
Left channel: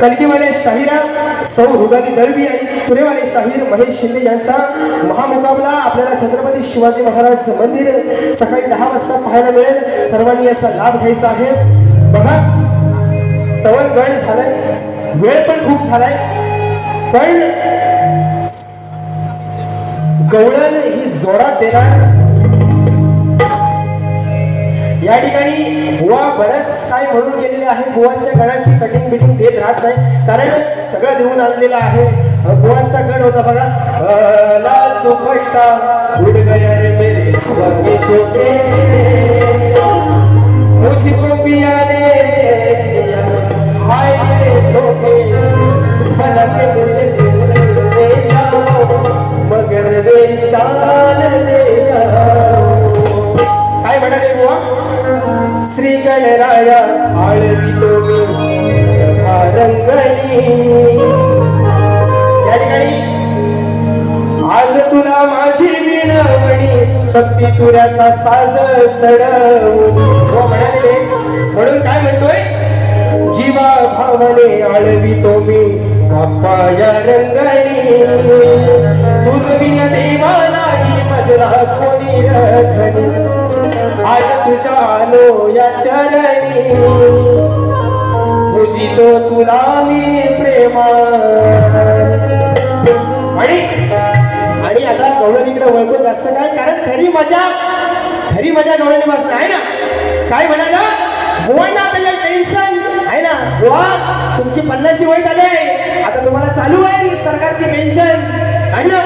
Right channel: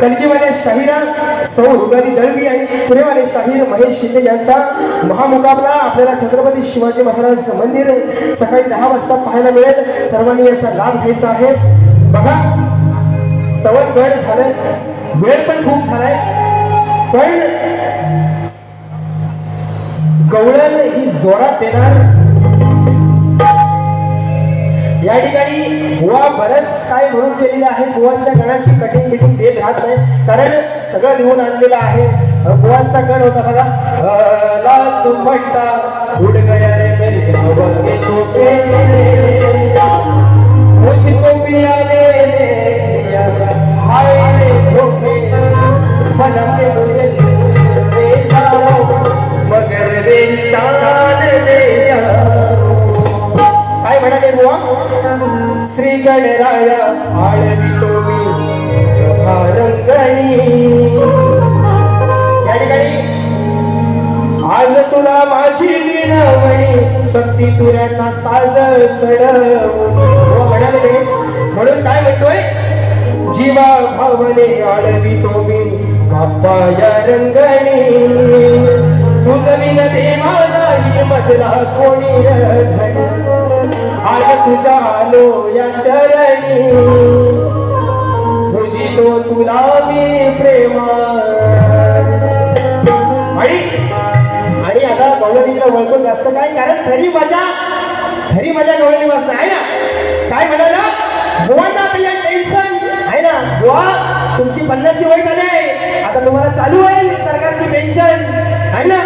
कलगीवाले शाहिरा सौ रुदाली दळवी आणि पुणेवाले शाहीर महेश शिंदे यांचा महामुकाबला आपल्याला छत्रपती शिवाजी महाराज मंदिर सकाळी 10 वाजता पाहायला मिळेल. सर्वांनी याचा लाभ घ्यायचा आहे. बघा सवड गड झालाय वेळ पण खूप झालाय पण गवळण ही जोरात देणार. या ठिकाणी बुवा बरंच काय म्हणून केलेलं आहे. बुवांच्या गणाची कटिंग बिटिंग देत राहत नाही कारण सगळं लिहून आणलेलं आहे. बुवांचा गण होता बघा लाल दुपट्टा उड गया रे मेरे बाबा के छोटे मुझको पिया ने हाय धोखे बना के मुझे ले जाओ मगर मेरी जान दे जाओ. काय म्हणाले बुवा श्री गणराया आळवितो मी सभा रंगणी. या ठिकाणी आज तुला माझी विनवणी शक्ती तुऱ्याचा साज चढवून म्हणाले जीवा भावने आळवितो मी बाप्पा या रंगणी तुझविन देवा नाही मजला कोणी धनी आज तुझ्या आलो या चरणी पूजितो तुला मी प्रेमा आणि आता गवळणीकडे वळतो जास्त काय कारण खरी मजा गवळणी वाजता आहे ना काय म्हणाला बुवांना त्याला टेन्शन आहे ना बुवा तुमची 50 वय झाले आता तुम्हाला चालू आहे सरकारची पेन्शन आहे ना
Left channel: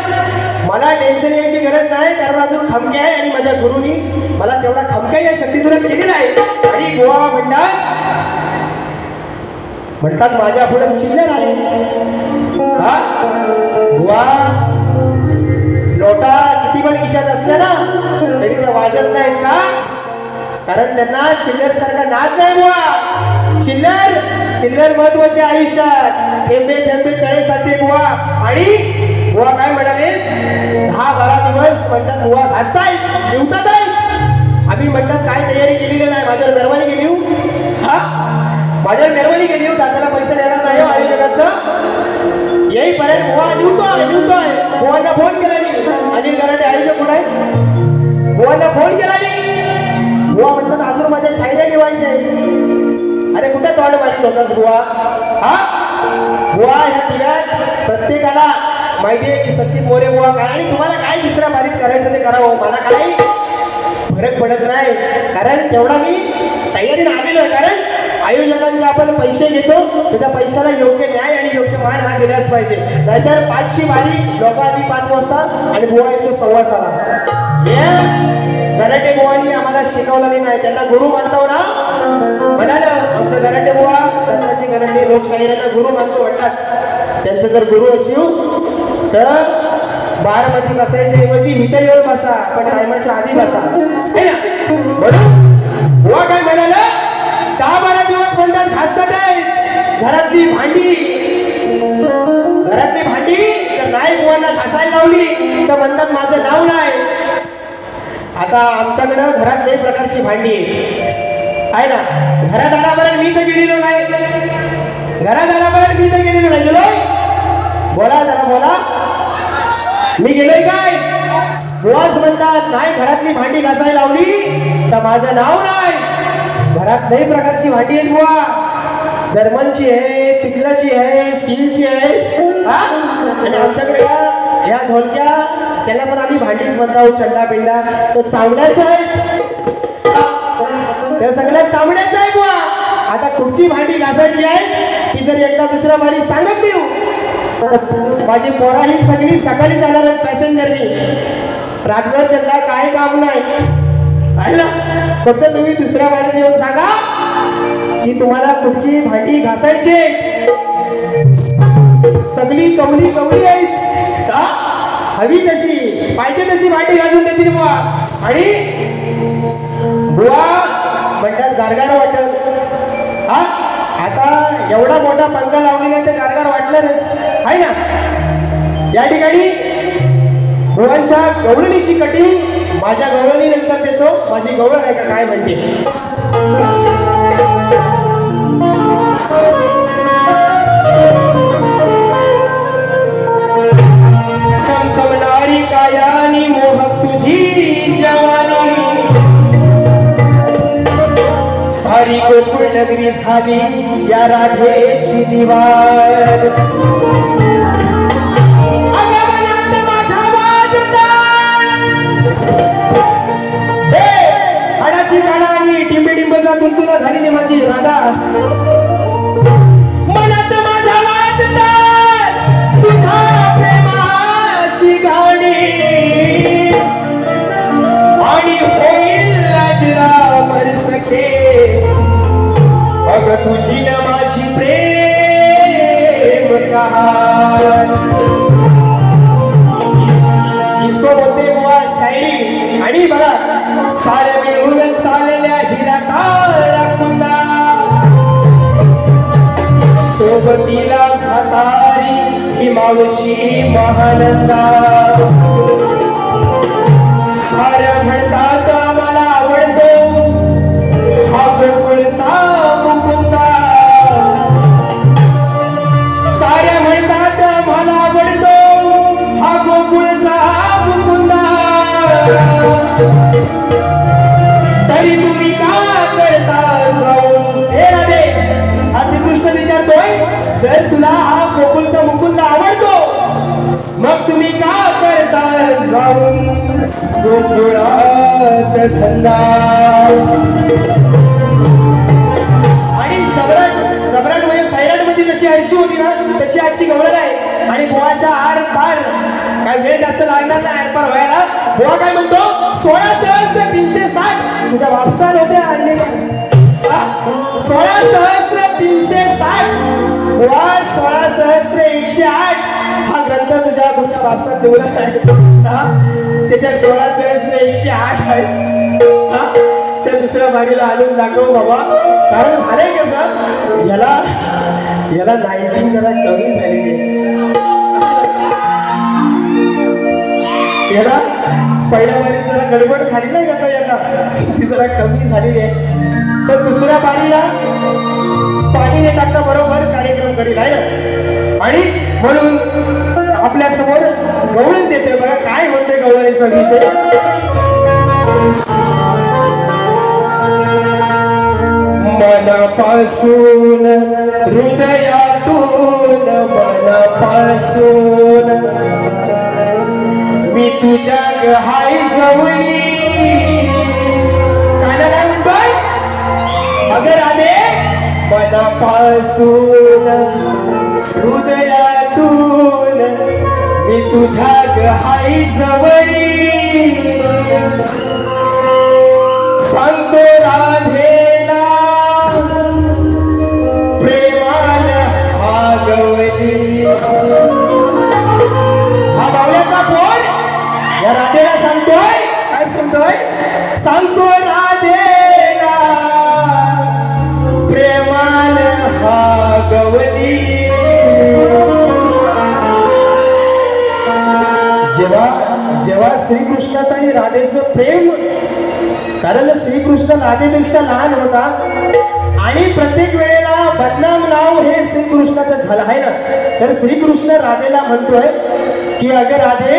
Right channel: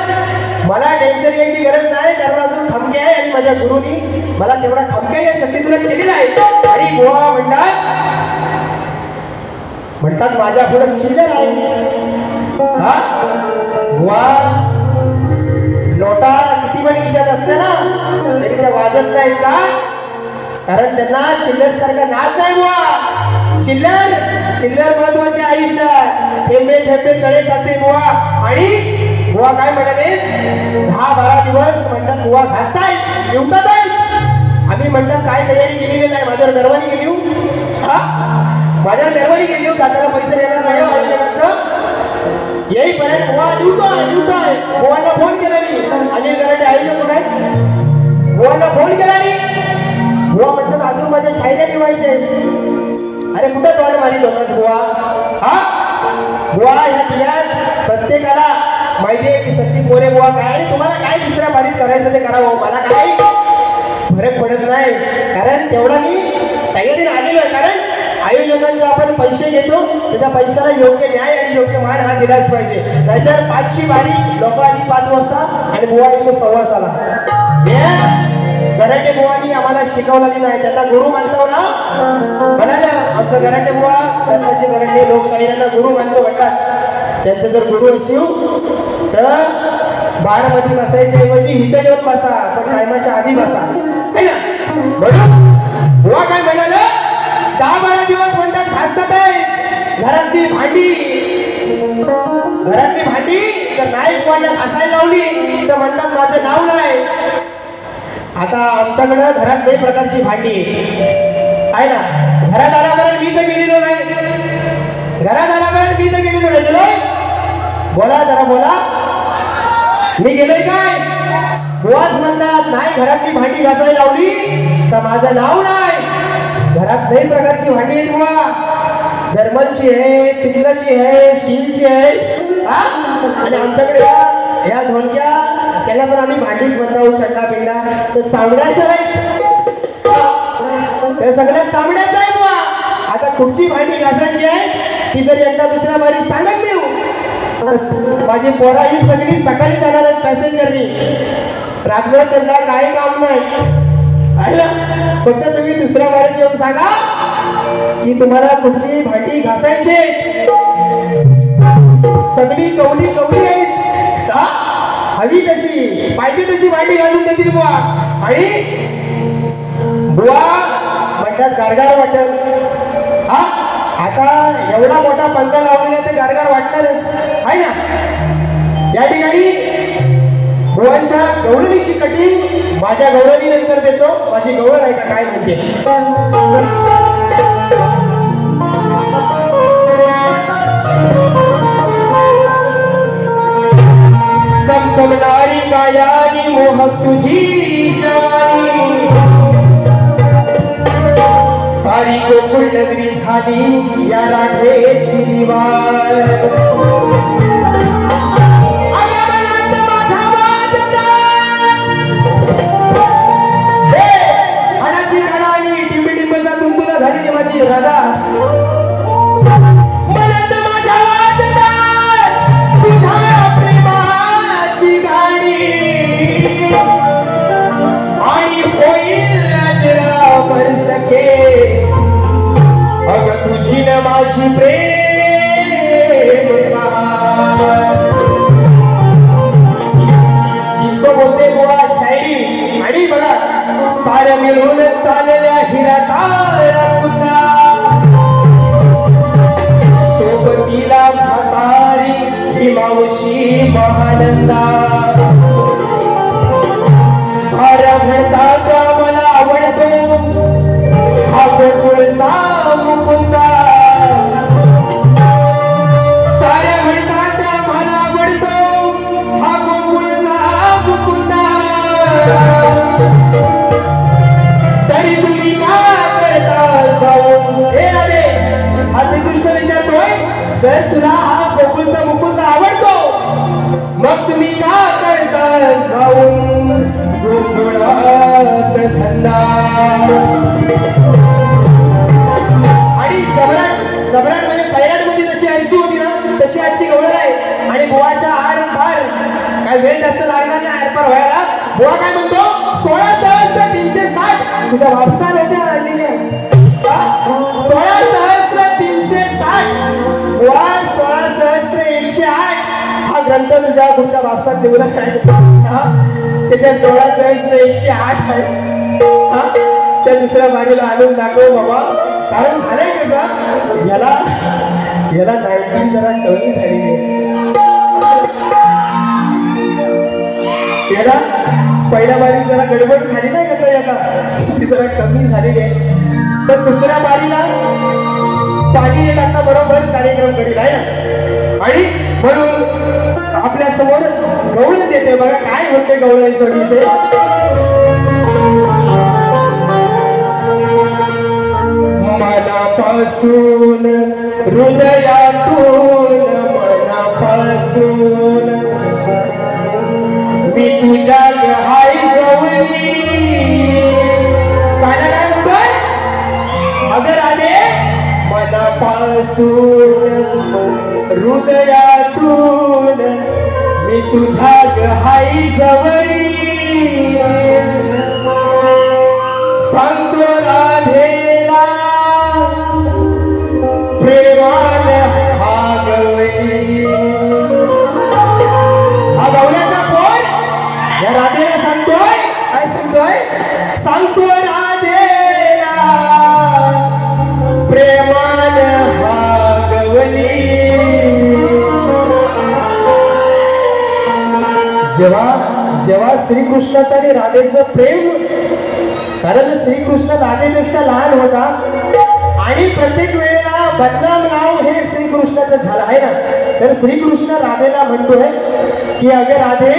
मला टेन्शन यायची गरज नाही कारण अजून खमके आहे आणि माझ्या गुरुनी मला तेवढा खमके या शक्तीतून केलेला आहे आणि बुवा म्हणतात माझ्या पुढे चिल्लर आहे हा बुवा नोटा किती पण खिशात असते ना तरी त्या वाजत नाहीत का कारण त्यांना चिल्लर सारखा नाद नाही बुवा चिल्लर महत्वाचे आयुष्यात थेंबे थेंबे तळे जाते बुवा आणि बुवा काय म्हणाले 10-12 दिवस म्हणतात बुवा घासतायत निवतात आम्ही म्हणतात काय तयारी केलेली नाही माझ्यावर दरवानी गेली माझ्यावर दरवानी गेली जाताना पैसे देणार नाही आणि जगाचं येईपर्यंत बुवा निवतोय बुवांना फोन केला मी अनिल कराटे आयोजक कोण आहे बुवांना फोन केला मी बुवा म्हणतात अजून माझ्या शायऱ्या लिवायच्या आहेत अरे कुठे तोंड मारीत होतास बुवा हा बुवा ह्या दिव्यात प्रत्येकाला माहिती आहे की सत्ती मोरे बुवा काय आणि तुम्हाला काय दुसऱ्या पारीत करायचं ते करावं मला काय फरक पडत नाही कारण तेवढा मी तयारीने आलेलो आहे कारण आयोजकांचे आपण पैसे घेतो त्याच्या पैशाला योग्य न्याय आणि योग्य मान हा दिलाच पाहिजे नाहीतर 5ची बारी लोक आधी 5 वाजता आणि बुवा येतो 6:15 गराटे बुवांनी आम्हाला शिकवलेली नाही त्यांना गुरु मानतो ना म्हणाले आमचं गराटे बुवा दत्ताजी गराटे लोकशाहीला गुरु मानतो म्हणतात त्यांचं जर गुरु असेल तर बारमध्ये बसायच्या ऐवजी इथं येऊन बसा पण टायमाच्या आधी बसा है ना म्हणून बुवा काय म्हणाला 10-12 दिवस म्हणतात घासतात घरातली भांडी जर नाही बुवांना घासायला लावली तर म्हणतात माझं नाव नाही आता आमच्याकडं घरात 2 प्रकारची भांडी आहे ना घरादारापर्यंत मी तर गेलेलो नाही बोला जरा बोला मी गेलोय काय बुवाच म्हणतात नाही घरातली भांडी घासायला लावली तर माझं नाव नाही घरात 2 प्रकारची भांडी आहेत बुवा जर्मनची आहे पितळाची आहे स्टीलची आहे आणि आमच्याकडे ह्या ढोलक्या त्याला पण आम्ही भांडीच म्हणतो चंडा पिंडा तर चांगल्याच आहे त्या सगळ्यात चांगल्याच आहे बुवा आता कुठची भांडी घासायची आहे ती जर एकदा दुसऱ्या बारी सांगत देऊ माझी पोरा ही सगळी सकाळी जाणार आहेत पॅसेंजरनी रात्रभर त्यांना काय काम नाही ना फक्त तुम्ही दुसऱ्या बारीत येऊन सांगा की तुम्हाला कुठची भांडी घासायची सगळी कवली आहेत का हवी तशी पाहिजे तशी भांडी घालून देतील बुवा आणि बुवा म्हणतात गारगार वाटत हा आता एवढा मोठा पंखा लावलेला तर गारगार वाटणारच आहे ना या ठिकाणी बुवांच्या गवळणीची कटिंग माझ्या गवळणी नंतर देतो माझी गवळण आहे का काय म्हणते समजवणारी कायानी मोहक तुझी जवानी सारी गोकुळ नगरी झाली या राधेची दिवार हाडाची काढा आणि डिंबेडिंबचा तुंतुला झालेली माझी राधा मनात माझ्या वाजणार तुझ्या प्रेमाची गाणी आणि होईल लाजराव परसखे अग तुझी न माझी प्रेम इसको बोलते बुवा शायरी आणि बघा साऱ्या मिळून चालल्या हिरातार कुंदा सोबतीला म्हातारी ही मावशी महानंदा साऱ्या म्हणतात मला आवडतो हा गोकुळचा मुकुंदा तरी तुम्ही का करता जाऊन हे राधे हा श्रीकृष्ण विचारतोय जर तुला हा गोकुळचा मुकुंद आवडतो मग तुम्ही का करता जाऊन गोकुळात धंदा आणि जबराट म्हणजे सैराट मध्ये जशी आईची होती ना तशी आजची गवळण आहे आणि बोळाच्या आर पार काय वेळ जास्त लागणार नाही आर पार व्हायला बोळा काय म्हणतो 16,360 तुझ्या वापसान होत्या आणलेल्या 16,360 बोळा 16,108 हा ग्रंथ तुझ्या वापसात ठेवला आहे त्याच्या 16,108 आहे त्या दुसऱ्या बारीला आणून दाखव बाबा कारण झालंय कसं याला 90 जरा कमी झालेली आहे याला पहिल्या बारी जरा गडबड झाली नाही याचा ती जरा कमी झालेली आहे तर दुसऱ्या बारीला पाणी न टाकता बरोबर कार्यक्रम करील आहे ना आणि म्हणून आपल्या समोर गवळण देते बघा काय म्हणते गवळणीचा विषय मनापासून हृदयातून मनापासून मी तुझ्या हाय जवळी काय म्हणतोय अगर आले मनापासून हृदयातून मी तुझ्या हाय जवळी सांगतो राधेला प्रेमान हा गवळी हा गवळ्याचा कोण या राधेला सांगतोय काय सांगतो राधेला प्रेमान हा गवळी जेव्हा श्रीकृष्णाचं आणि राधेचं प्रेम कारण श्रीकृष्ण राधेपेक्षा लहान होता आणि प्रत्येक वेळेला बदनाम नाव हे श्रीकृष्णाचं झालं आहे ना तर श्रीकृष्ण राधेला म्हणतोय की अगं राधे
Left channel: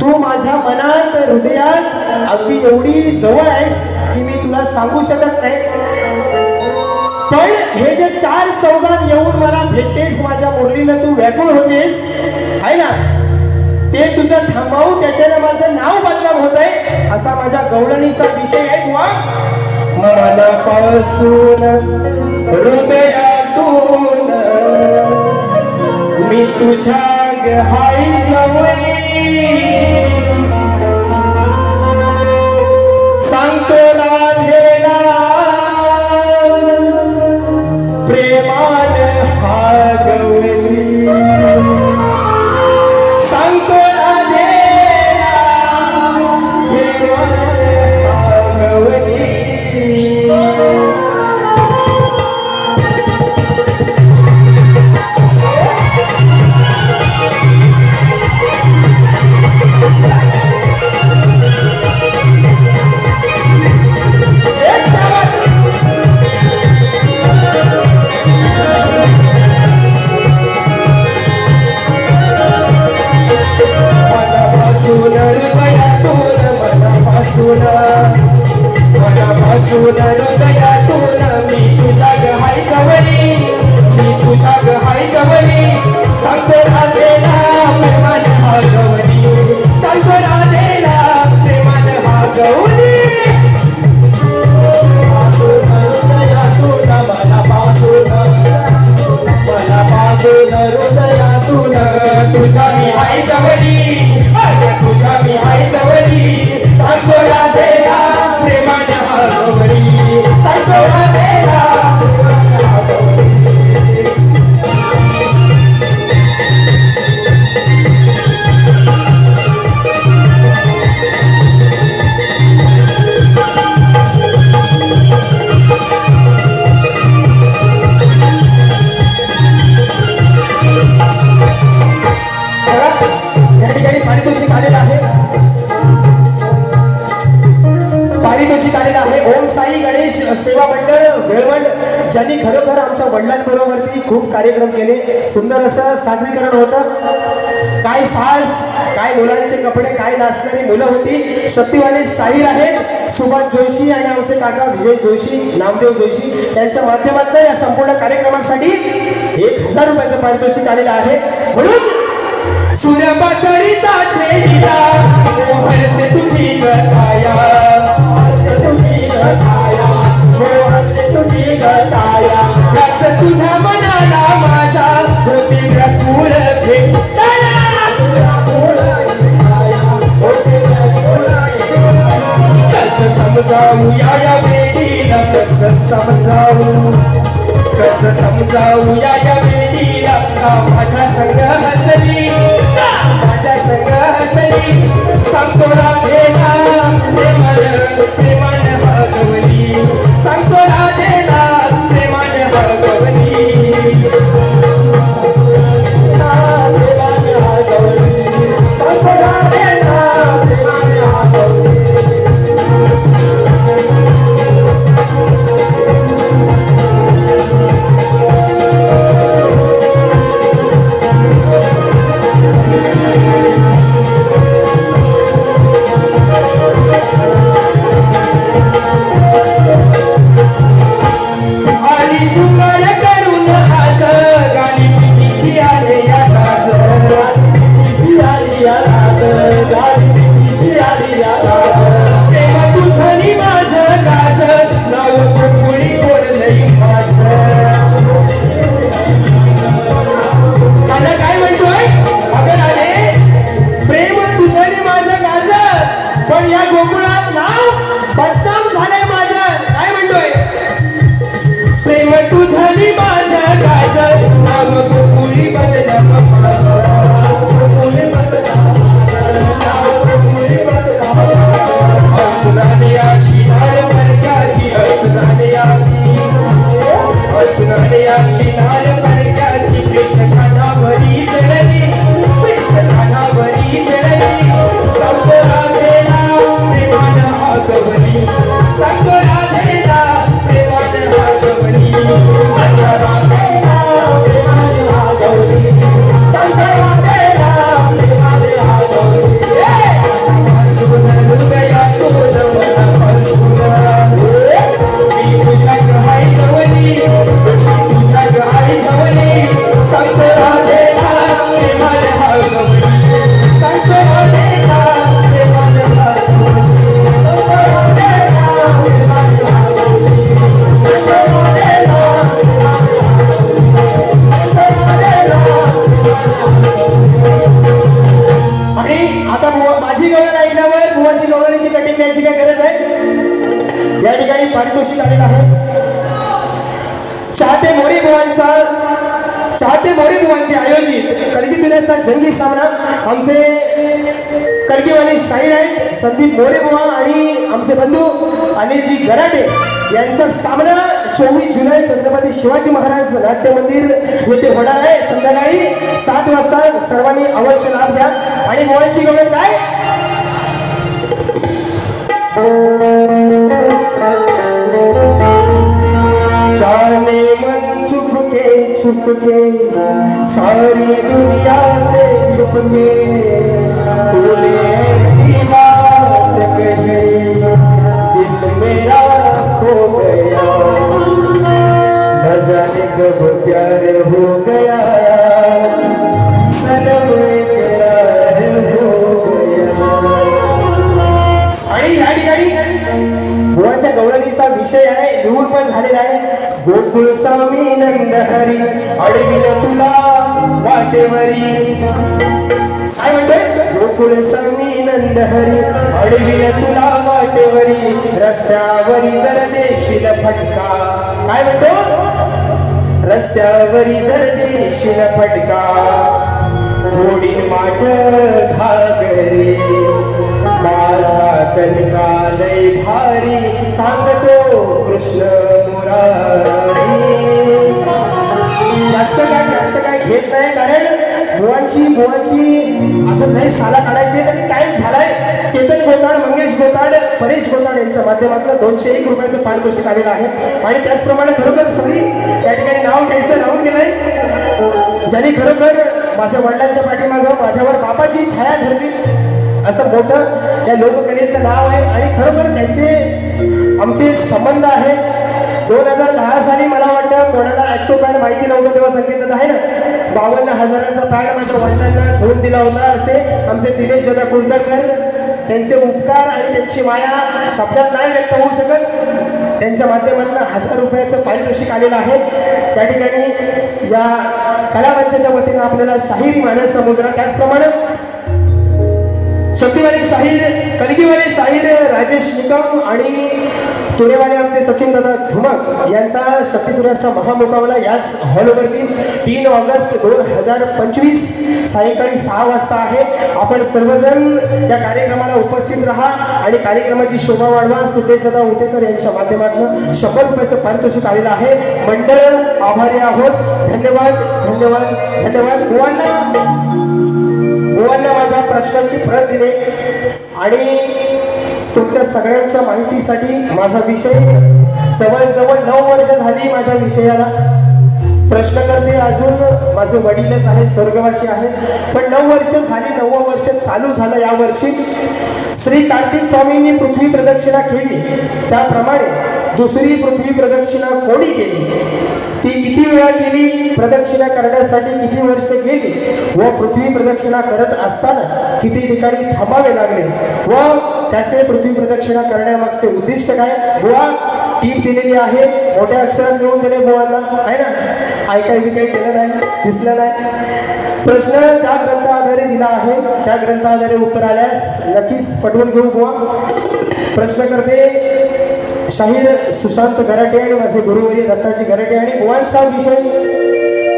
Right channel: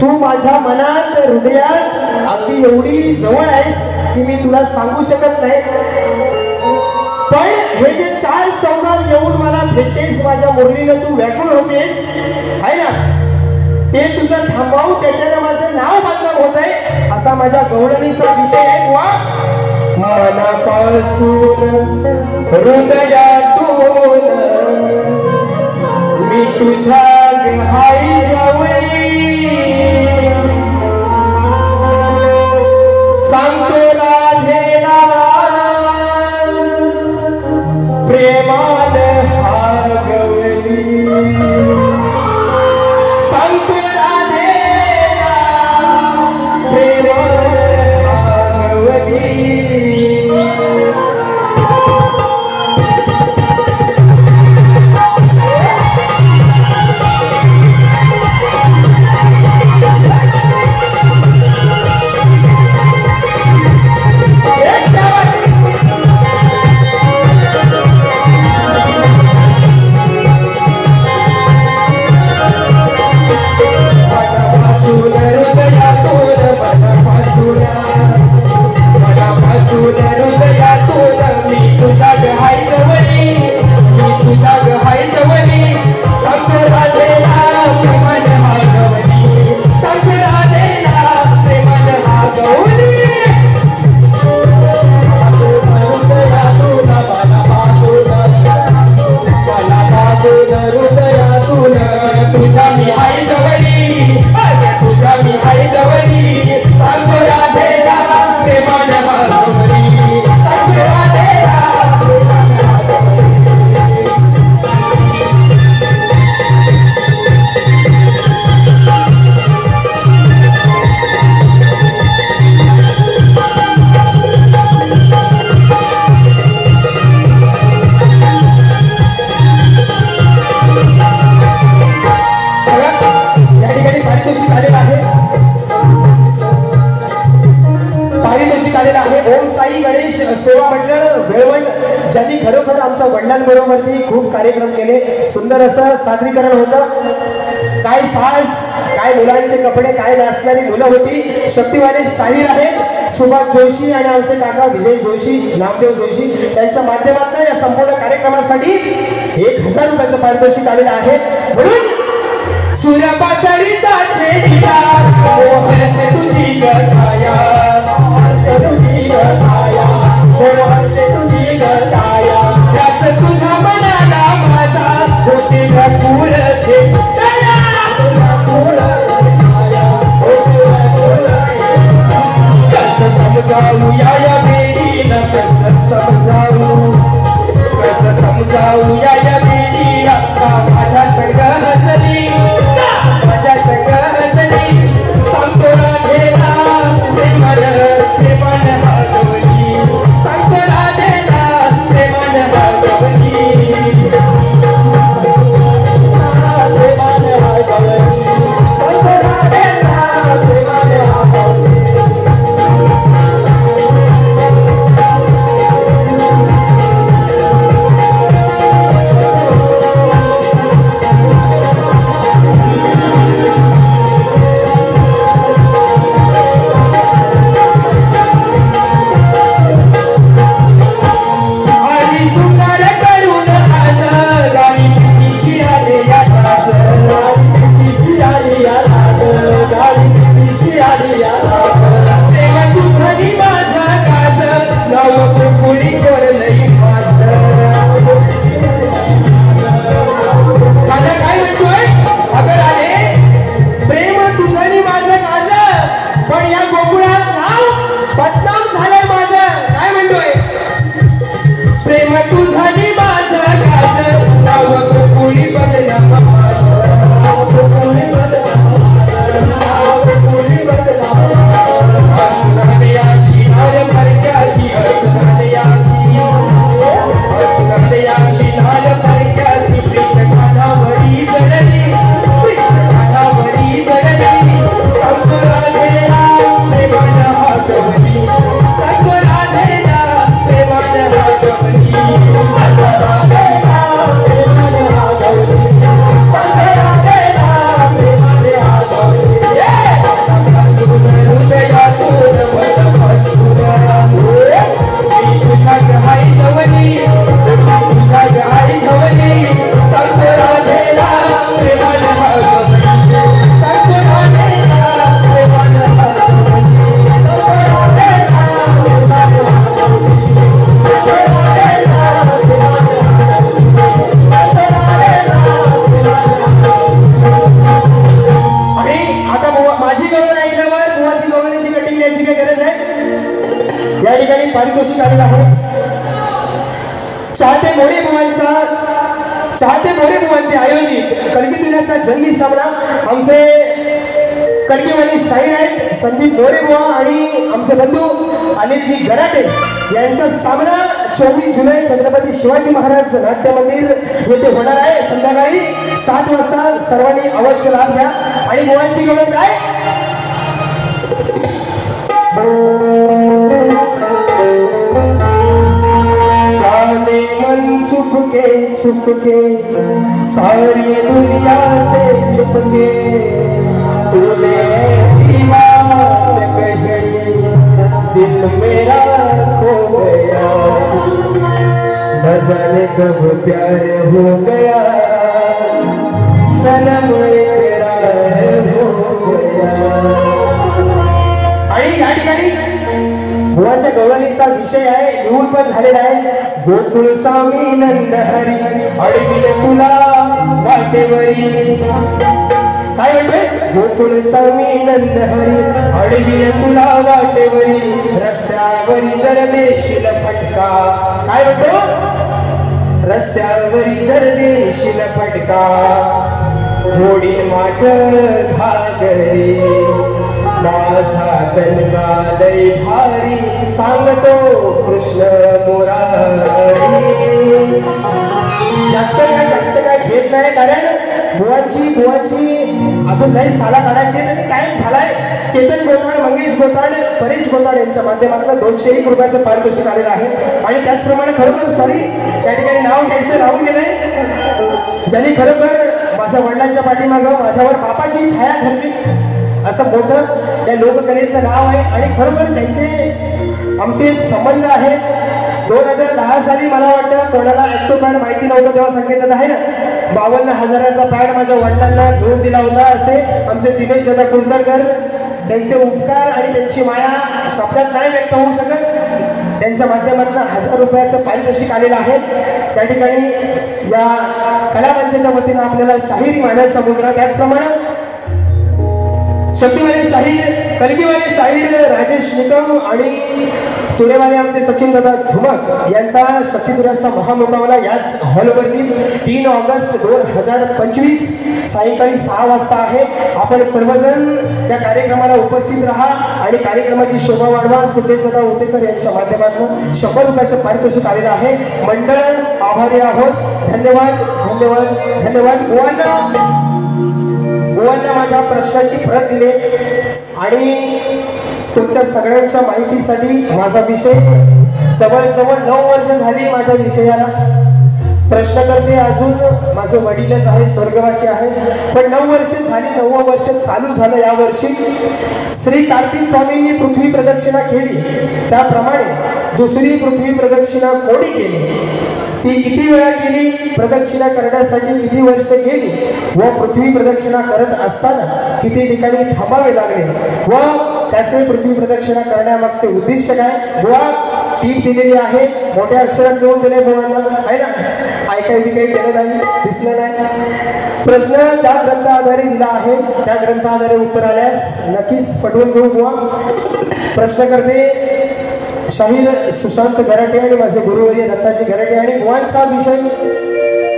तू माझ्या मनात हृदयात अगदी एवढी जवळ आहेस की मी तुला सांगू शकत नाही पण हे जे 4 चौघात येऊन मला भेटतेस माझ्या मुरलीनं तू व्याकुळ होतेस आहे ना ते तुझं थांबवू त्याच्यानं माझं नाव बदनाम होत आहे असा माझ्या गवळणीचा विषय आहे मनापासून हृदयातून मी तुझ्या हाय जवळी सांगतो राधेला प्रेमान हा गवळी सांगतो राधेला प्रेमान हा गवळी ज्यांनी खरोखर आमच्या वडिलांबरोबरती खूप कार्यक्रम केले सुंदर असं सादरीकरण होतं काय साज काय काय मुलांचे कपडे, काय नाचणारी मुलं होती. शक्तिवाली शाहीर आहेत सुभाष जोशी आणि आमचे काका विजय जोशी, नामदेव जोशी यांच्या माध्यमातून या संपूर्ण कार्यक्रमासाठी 1000 रुपयाचं पारितोषिक आलेलं आहे. म्हणून सूर्यपासळीचा छेडिला मोहनते तुझी गठाया, तुझी गठाया, मोहनते तुझी गठाया, त्यास तुझ्या मनाला माझा होते फूल भेटताना. कसं समजावू या बेडीला, कसं समजावू, कसं समजावू या बेडीला, माझ्या संग हसली, माझ्या संग हसली, सांगतो राधेला प्रेमान प्रेमान भागवली, सांगतो राधेला प्रेमान भागवली. चाहते मोरे बुवांचे आयोजित कलगी दिनाचा जंगी सामना आमचे कलगीवाले शाहीर आहेत संदीप मोरे बुवा आणि आमचे बंधू अनिलजी गराटे यांचा सामना 24 जुलै छत्रपती शिवाजी महाराज नाट्य मंदिर येथे होणार आहे. संध्याकाळी 7 वाजता सर्वांनी अवश्य लाभ घ्या. आणि बुवांची गमत काय छुप के सारी दुनिया से छुप के तूने ऐसी बात कही दिल मेरा खो गया न जाने कब प्यार हो गया सनम इकरार हो गया. आणि या ठिकाणी बुवाच्या गवळणीचा विषय आहे येऊन पण झालेला आहे. गोकुळ स्वामी नंद हरी अडविल तुला वाटेवरी. काय म्हणतोय गोकुळ स्वामी नंद हरी अडविल तुला वाटेवरी रस्त्यावरी जर देशील फटका. काय म्हणतो रस्त्यावरी जर देशील फटका फोडीन माठ घागरे माझा कनका लय भारी सांगतो कृष्ण मुरारी. जास्त काय घेत नाही कारण बुवांची अजून नाही साला काढायची त्यांनी कायम झालाय. चेतन गोताड, मंगेश गोताड, परेश गोताड यांच्या माध्यमातून 201 रुपयाचं पारितोषिक आलेलं आहे. आणि त्याचप्रमाणे खरोखर सॉरी या ठिकाणी नाव घ्यायचं राहून गेलंय ज्यांनी खरोखर माझ्या वडिलांच्या पाठीमागं माझ्यावर बापा नावाची छाया धरली असं मोठं त्या लोककलेचं नाव आहे. आणि खरोखर त्यांचे आमचे संबंध आहेत. 2010 साली मला वाटतं कोणाला ऍक्टो पॅड माहिती नव्हतं तेव्हा संकेतात आहे ना 52,000चा पॅड माझ्या वडिलांना घेऊन दिला होता. असे आमचे दिनेश दादा कुंडकर, त्यांचे उपकार आणि त्यांची माया शब्दात नाही व्यक्त होऊ शकत. त्यांच्या माध्यमातून 1000 रुपयाचं पारितोषिक आलेलं आहे. त्या ठिकाणी या कलामंचाच्या वतीनं आपल्याला शाहिरी मानाचा मुजरा, त्याचप्रमाणे शक्तीवाले शाहीर, कलगीवाले शाहीर राजेश निकम आणि तुरेवाले आमचे सचिन दादा धुमाक यांचा शक्तीतुऱ्याचा महामुकाबला याच हॉलवरती 3 ऑगस्ट 2025 सायंकाळी 6 वाजता आहे. आपण सर्वजण त्या कार्यक्रमाला उपस्थित राहा आणि कार्यक्रमाची शोभा वाढवा. सिद्धेश दादा उतेकर यांच्या माध्यमातून 100 रुपयाचं पारितोषिक आलेलं आहे. मंडळ आभारी आहोत. धन्यवाद धन्यवाद धन्यवाद. गोवांना माझ्या प्रश्नाची परत दिले आणि तुमच्या सगळ्यांच्या माहितीसाठी माझा विषय जवळजवळ 9 वर्ष झाली माझ्या विषयाला. प्रश्नकर्ते अजून माझे वडीलच आहे, स्वर्गवासी आहेत, पण 9 वर्ष झाली. 9वं वर्ष चालू झालं या वर्षी. श्री कार्तिक स्वामींनी पृथ्वी प्रदक्षिणा केली त्याप्रमाणे दुसरी पृथ्वी प्रदक्षिणा कोणी केली, ती किती वेळा केली, प्रदक्षिणा करण्यासाठी किती वर्ष गेली व पृथ्वी प्रदक्षिणा करत असताना किती ठिकाणी थांबावे लागले व त्याचे पृथ्वी प्रदक्षिणा करण्यामागचे उद्दिष्ट काय. बुवा टीप दिलेली आहे, मोठ्या अक्षरात लिहून दिले बुवाला आहे ना, ऐकाय बी काही केलं नाही, दिसलं नाही. प्रश्न ज्या ग्रंथ आधारे दिला आहे त्या ग्रंथ आधारे उत्तर आल्यास नक्कीच पटवून घेऊ बुवा. प्रश्न करते शाहीर सुशांत गराटे आणि माझे गुरुवर्य दत्ताजी गराटे. आणि बुवांचा विषय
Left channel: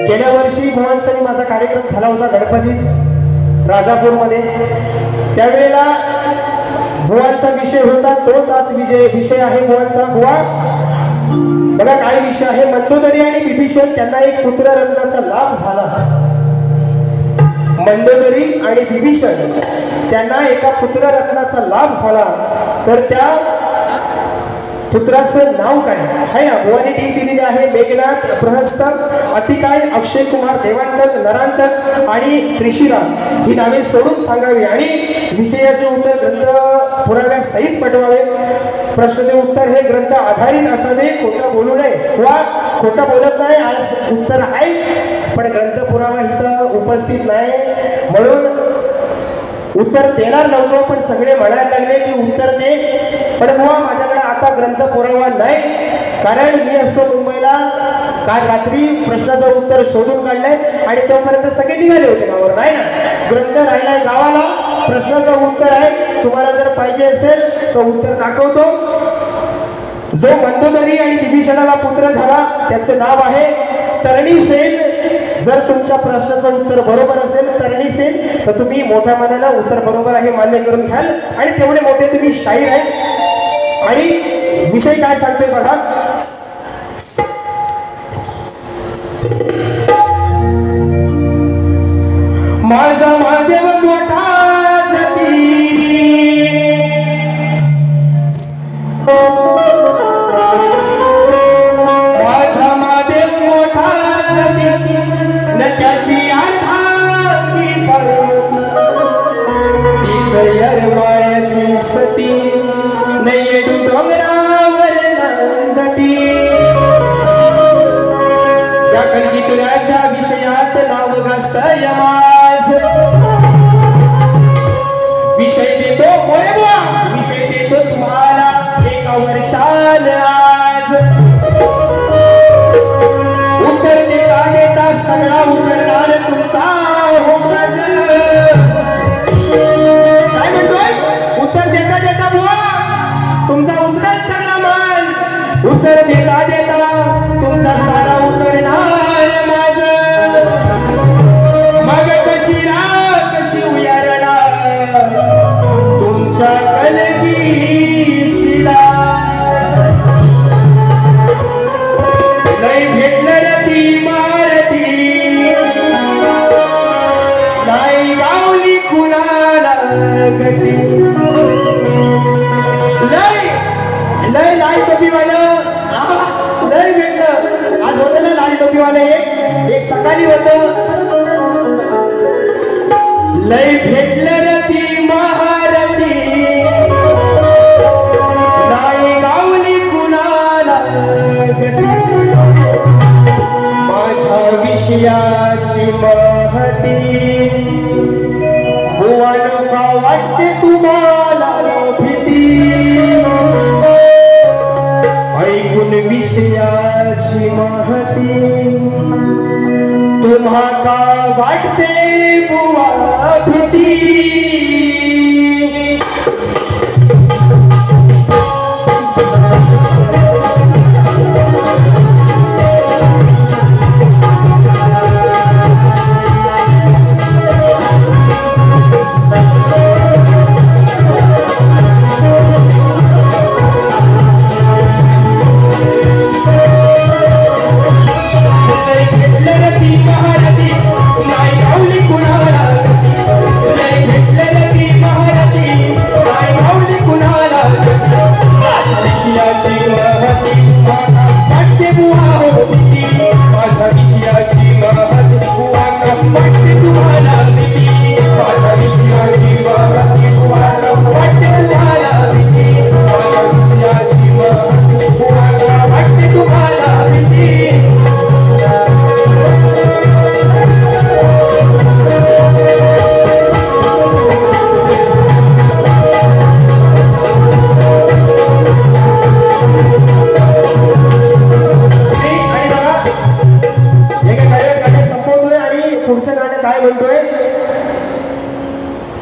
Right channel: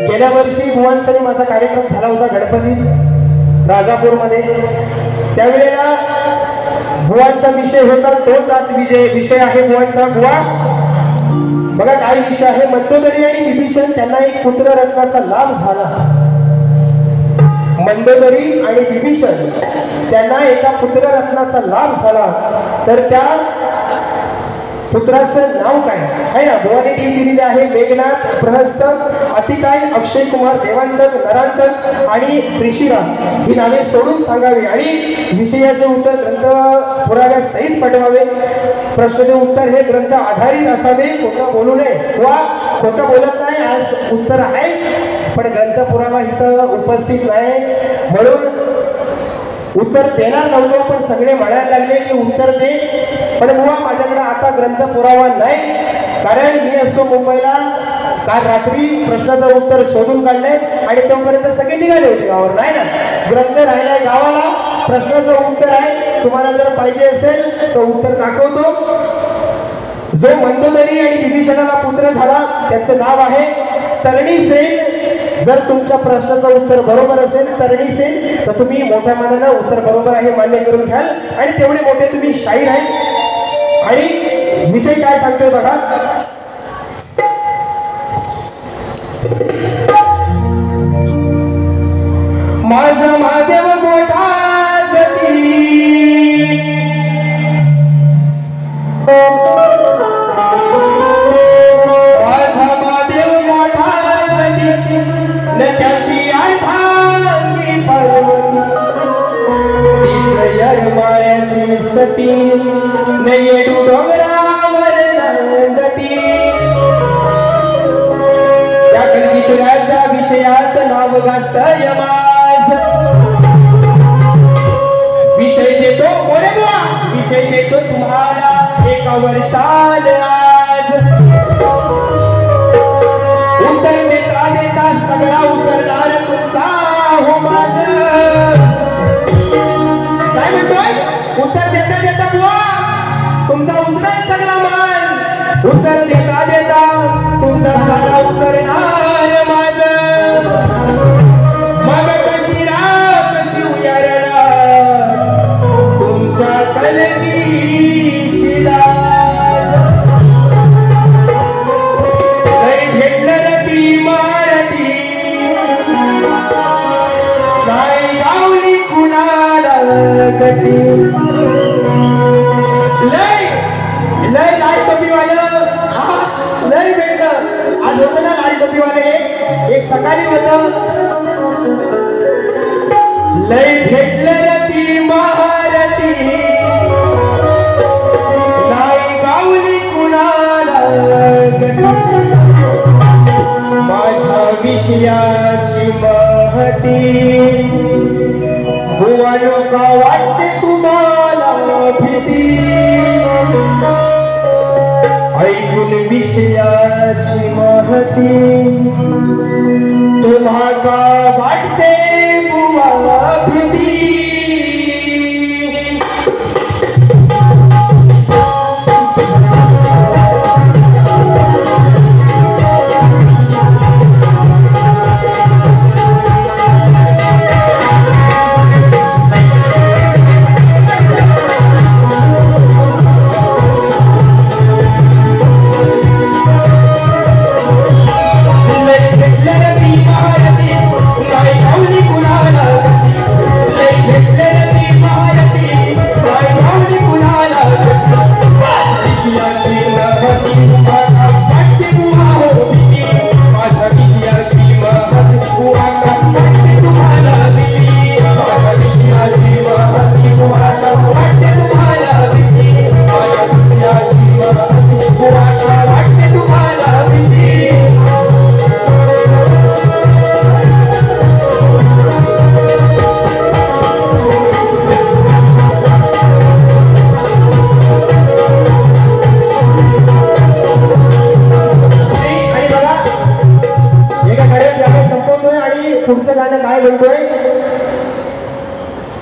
गेल्या वर्षी बुवांचा माझा कार्यक्रम झाला होता गणपतीत राजापूरमध्ये. त्यावेळेला बुवांचा विषय होता तोच आज विषय आहे बुवांचा. बुवा बघा काय विषय आहे. मंदोदरी आणि विभीषण त्यांना एक पुत्र रत्नाचा लाभ झाला. मंदोदरी आणि विभीषण त्यांना एका पुत्र रत्नाचा लाभ झाला. तर त्या पुत्राचं नाव काय आहे ना. बुवाने टीम दिलेली आहे. मेघनाथ, प्रहस्त, अतिकाय, अक्षय कुमार, देवांतक, नरांतक आणि त्रिशिरा ही नावे सोडून सांगावी आणि विषयाचे उत्तर ग्रंथ पुराव्या सहित पाठवावे. प्रश्नाचे उत्तर हे ग्रंथ आधारित असावे, खोटं बोलू नये. वा खोटं बोलत नाही, आज उत्तर आहे पण ग्रंथ पुरावा इथं उपस्थित नाही म्हणून उत्तर देणार नव्हतो, पण सगळे म्हणायला लागले की उत्तर दे. पण बुवा माझ्याकडे आता ग्रंथ पुरावा नाही, कारण मी असतो मुंबईला. काल रात्री प्रश्नाचं उत्तर शोधून काढलंय आणि तोपर्यंत सगळे निघाले होते गावावर, नाही ना. ग्रंथ राहिलाय गावाला, प्रश्नाचं उत्तर आहे. तुम्हाला जर पाहिजे असेल तो उत्तर दाखवतो. जो मंदोदरी आणि विभीषणाला पुत्र झाला त्याचे नाव आहे तरणी सेन. जर तुमच्या प्रश्नाचं उत्तर बरोबर असेल तरणी सेन तर तुम्ही मोठ्या मनानं उत्तर बरोबर आहे मान्य करून घ्याल आणि तेवढे मोठे तुम्ही शाहीर आहे. आणि विषय काय सांगतोय बघा. माझा महादेव मोठा जती, माझा महादेव मोठा जती न त्याची अर्धांगी पर्वती जयरमाळ्याची सती न येडू डोंगरावर नंदती. त्या कलगीतुऱ्याच्या विषयात नाव गाजतय माझ. विषय देतो मोरे बुवा, विषय देतो तुम्हाला एका वर्षाल आज. उत्तर देता देता सगळा उतरणार तुमचा हो माझ. काय म्हणतोय. उत्तर देता देता बुवा तुमचा उतरेल सगळा माझ. उत्तर देता देता तुमचा सारा उतरणार माझ. मग कशी कशी उयारणार तुमच्या कलगीची लाज. नाही भेटणार ती मारती, नाही गावली कुणाला गती. लय लय लाल टोपीवालं लय भेटलं. आज होतं ना लाल टोपीवाले. एक सकाळी होतं लय भेटलं ती महारती नाही गावली कुणाला गती माझ्या विषयाची महती बुवानो का वाटते तुम्हाला भीती ऐकून विषयाची महती तुम्हा का वाटते बुवा भीती पुढचं गाणं काय म्हणतोय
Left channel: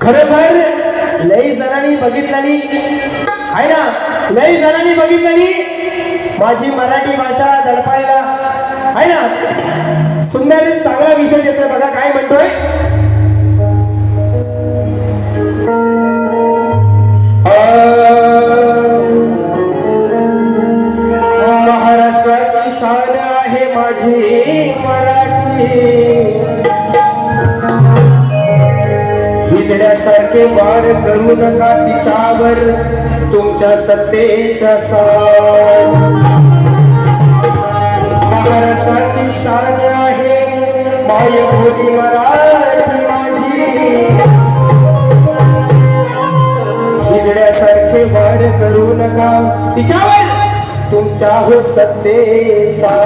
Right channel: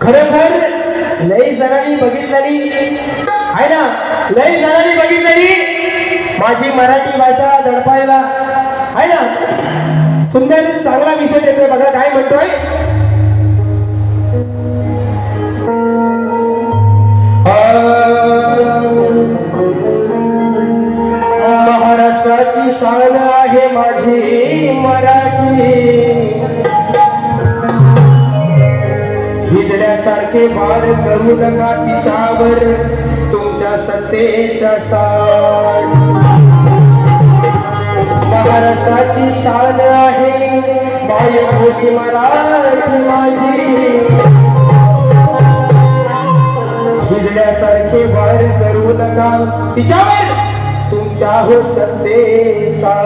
खरोखर लई जणांनी बघितलेली आहे ना लई जणांनी बघितलेली माझी मराठी भाषा दडपायला आहे ना सुंदर चांगला विषय देतोय बघा काय म्हणतोय महाराष्ट्राची शान आहे माझी मराठी हिजड्यासारखे वार करू नका तिच्यावर तुमच्या सत्तेच्या साथ महाराष्ट्राची शान आहे मायभूमी मराठी माझी हिजड्यासारखे वार करू नका तिच्यावर तुमच्या हो सत्तेचा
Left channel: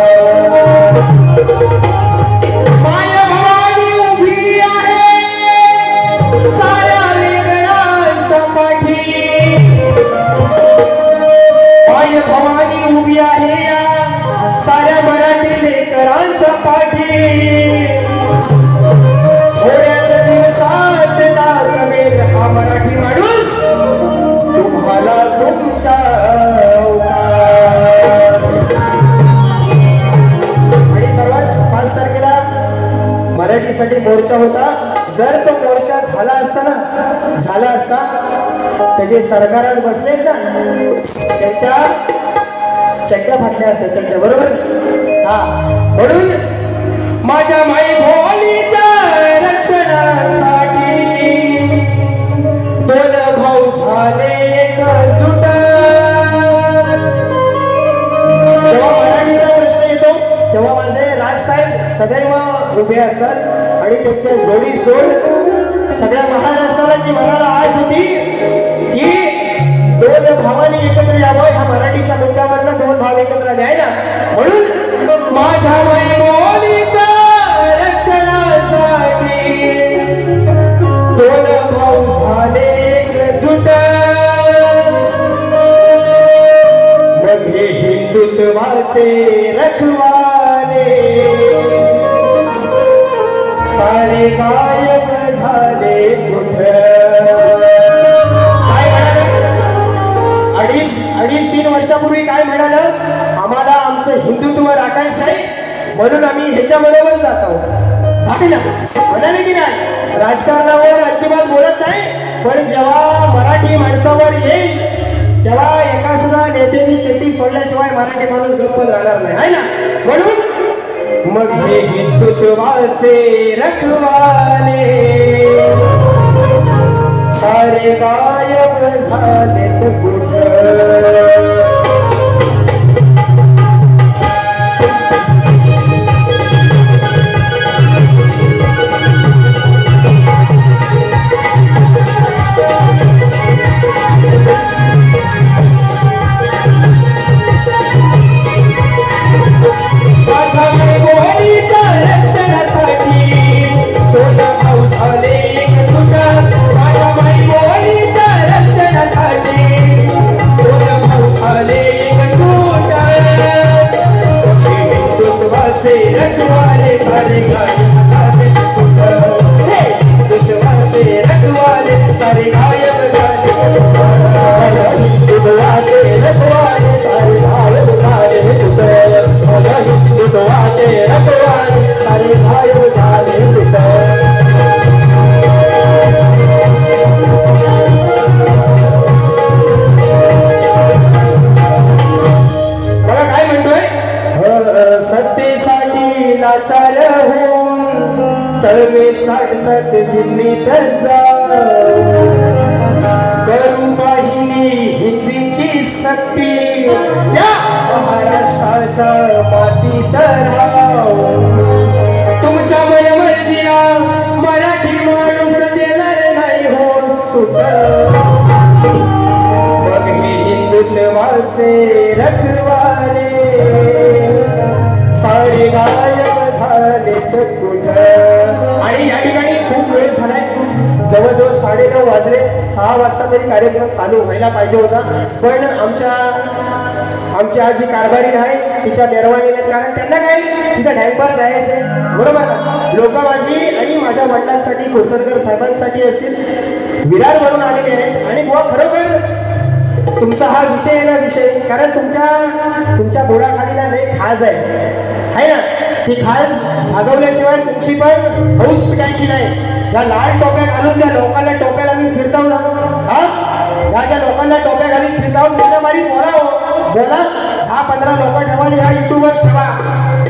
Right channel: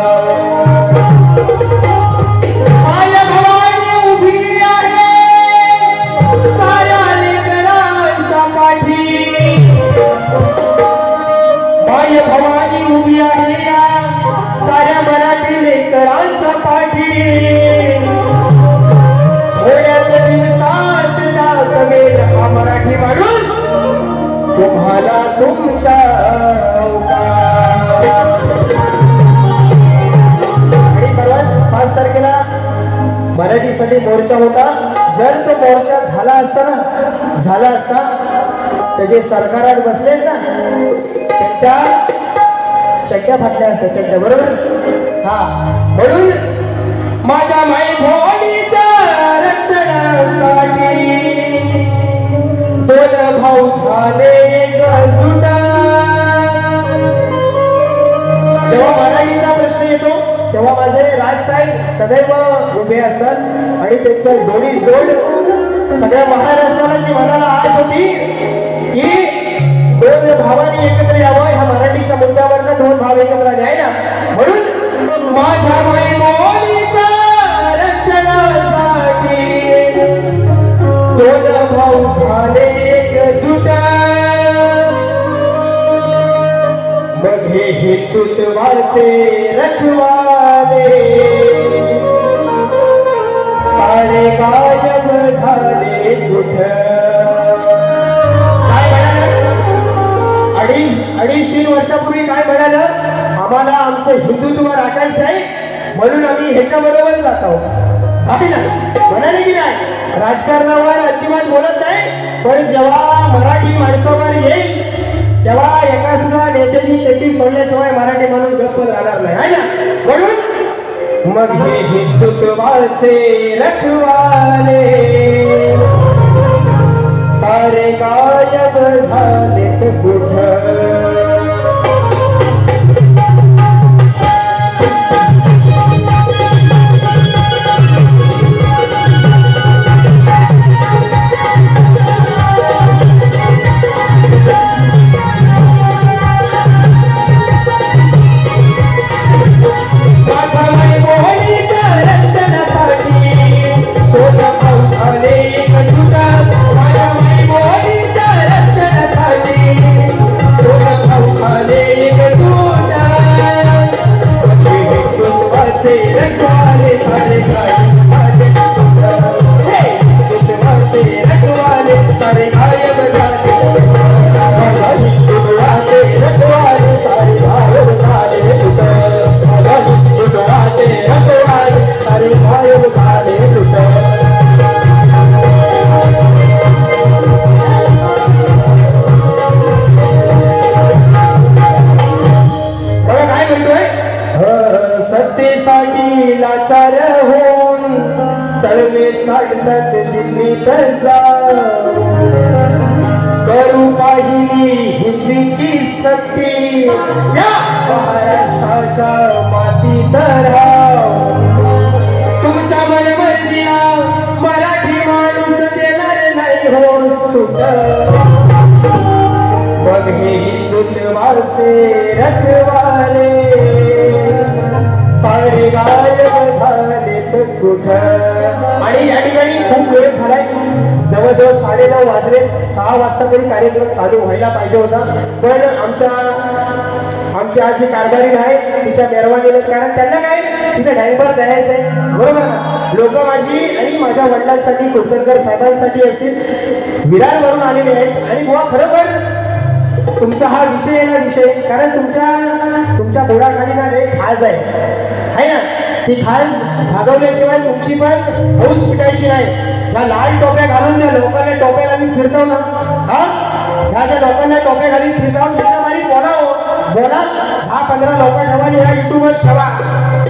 मराठीसाठी मोर्चा होता जर तो मोर्चा झाला असता त्याचे सरकारात बसलेत ना त्यांच्या चड्ड्या फाटल्या असत्या चड्ड्या बरोबर हा म्हणून माझ्या माई भोलीच्या रक्षणासाठी दोन भाऊ झाले एकजुटा जेव्हा मराठीचा प्रश्न येतो तेव्हा माझे राजसाहेब सदैव उभे असतात आणि त्यांच्या जोडी जोड सगळ्या महाराष्ट्राला जी मनाला आज होती की दोन भावांनी एकत्र यावं ह्या मराठीच्या मुद्द्यावरनं दोन भाव एकत्र आले आहे ना म्हणून माझ्या माई बोलीच्या रक्षणासाठी दोन भाऊ झाले एकजुट मग हे हिंदुत्वाचे रखवाले सारे गायब झाले कुठं काय म्हणालं अडीच 3 वर्षापूर्वी काय म्हणालं आम्हाला आमचं हिंदुत्व राखायचं आहे म्हणून आम्ही ह्याच्याबरोबर जात आहोत भाभी ना म्हणाले की नाही राजकारणावर अजिबात बोलत नाही पण जेव्हा मराठी माणसावर येईल तेव्हा एका सुद्धा नेत्याची चड्डी सोडल्याशिवाय मराठी म्हणून गप्प राहणार नाही आहे ना म्हणून मग हे हिंदुत्वाचे रखवाले सारे गायब झालेत कुठं से रखवाले सारे गायब झालेत कुठं. आणि या ठिकाणी खूप वेळ झालाय, जवळजवळ 9:30 वाजले. 6 वाजता तरी कार्यक्रम चालू व्हायला पाहिजे होता, पण आमच्या जी कारभारी आहे तिच्या मेहरबानीने, कारण त्यांना काय तिथं डॅमवर जायचंय, बरोबर ना. लोक माझी आणि माझ्या वडिलांसाठी, कुलकर्णीकर साहेबांसाठी असतील, विरारवरून आलेले आहेत. आणि बुवा खरोखर तुमचा हा विषय आहे ना, विषय, कारण तुमच्या बोडाखाली ना एक खाज आहे ना. ती खाज भागवल्याशिवाय तुमची पण हौस पिटायची नाही. या लाल टोप्या घालून ज्या लोकांना टोप्या लावून फिरताव ना, ह्या ज्या लोकांना टोप्या घालून फिरताव त्यांना मारी बोला 10-15 लोक ठेवा आणि या युट्यूबच ठेवा.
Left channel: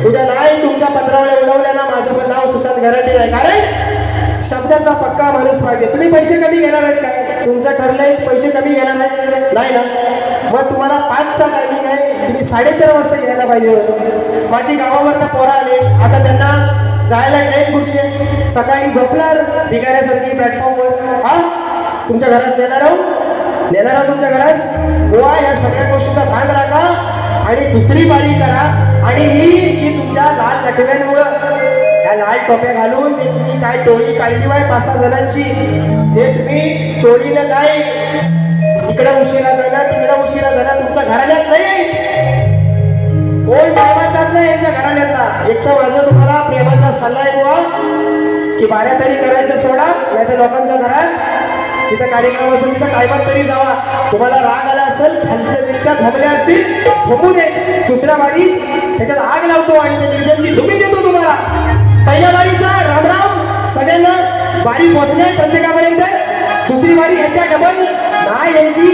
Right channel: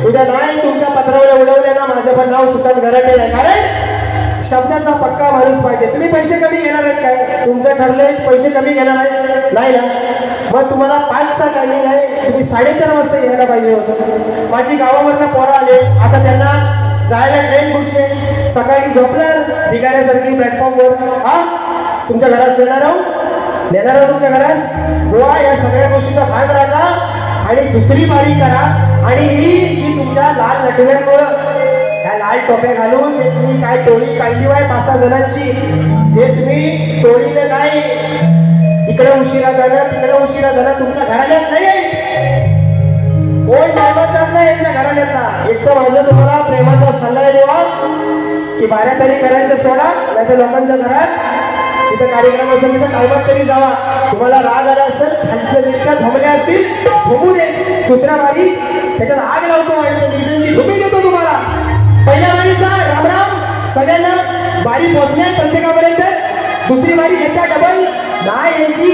उद्या नाही तुमच्या पत्रावर उडवल्या ना, माझं पण नाव सुशांत गराटे नाही. कारण शब्दाचा पक्का माणूस पाहिजे. तुम्ही पैसे कमी घेणार आहेत का? तुमचं ठरलंय पैसे कमी घेणार आहेत नाही ना. मग तुम्हाला 5चा टायमिंग आहे, तुम्ही 4:30 वाजता यायला पाहिजे होतं. माझी गावावरच्या पोरं आले, आता त्यांना जायला ट्रेन कुठचे, सकाळी झोपणार भिगाऱ्यासारखी प्लॅटफॉर्मवर. तुमच्या घरात नेणार आहोत तुमच्या घरात. गोवा या सगळ्या गोष्टीचा भाग राखा आणि दुसरी बारी करा. आणि ही जी तुमच्या लाल नटव्यांमुळं, ह्या लाल टोप्या घालून जे तुम्ही काय टोळी काढली वाय 5-6 जणांची, जे तुम्ही टोळीनं काय इकडं उशिरा झाला तिकडं उशिरा झाला, तुमच्या घराण्यात नाही आहे. कोण टायमाचाच नाही यांच्या घराण्यातला. एक तर माझा तुम्हाला प्रेमाचा सल्ला आहे बुवा, की बाऱ्या तरी करायचं सोडा, नाही तर लोकांच्या घरात तिथं कार्यक्रम असेल तिथं टायमात तरी जावा. तुम्हाला राग आला असेल, खालच्या मिरच्या झोपल्या असतील, झोपू दे. दुसऱ्या वारी त्याच्यात आग लावतो आणि निर्जनची धुमी देतो तुम्हाला. पहिल्या वारीचा रामराम सगळ्यांना, वारी पोचले प्रत्येकापर्यंत. दुसरी वारी ह्याच्या डबल ना यांची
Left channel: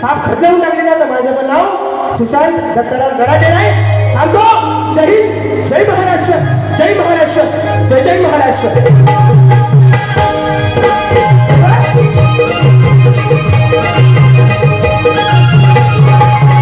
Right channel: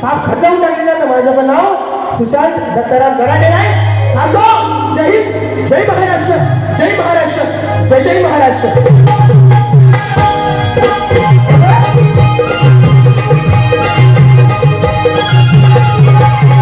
साफ खतलावून टाकली ना, तर माझं पण नाव सुशांत दत्ताराम गराटे नाही. थांबतो. जय हिंद, जय महाराष्ट्र, जय महाराष्ट्र, जय जय महाराष्ट्र.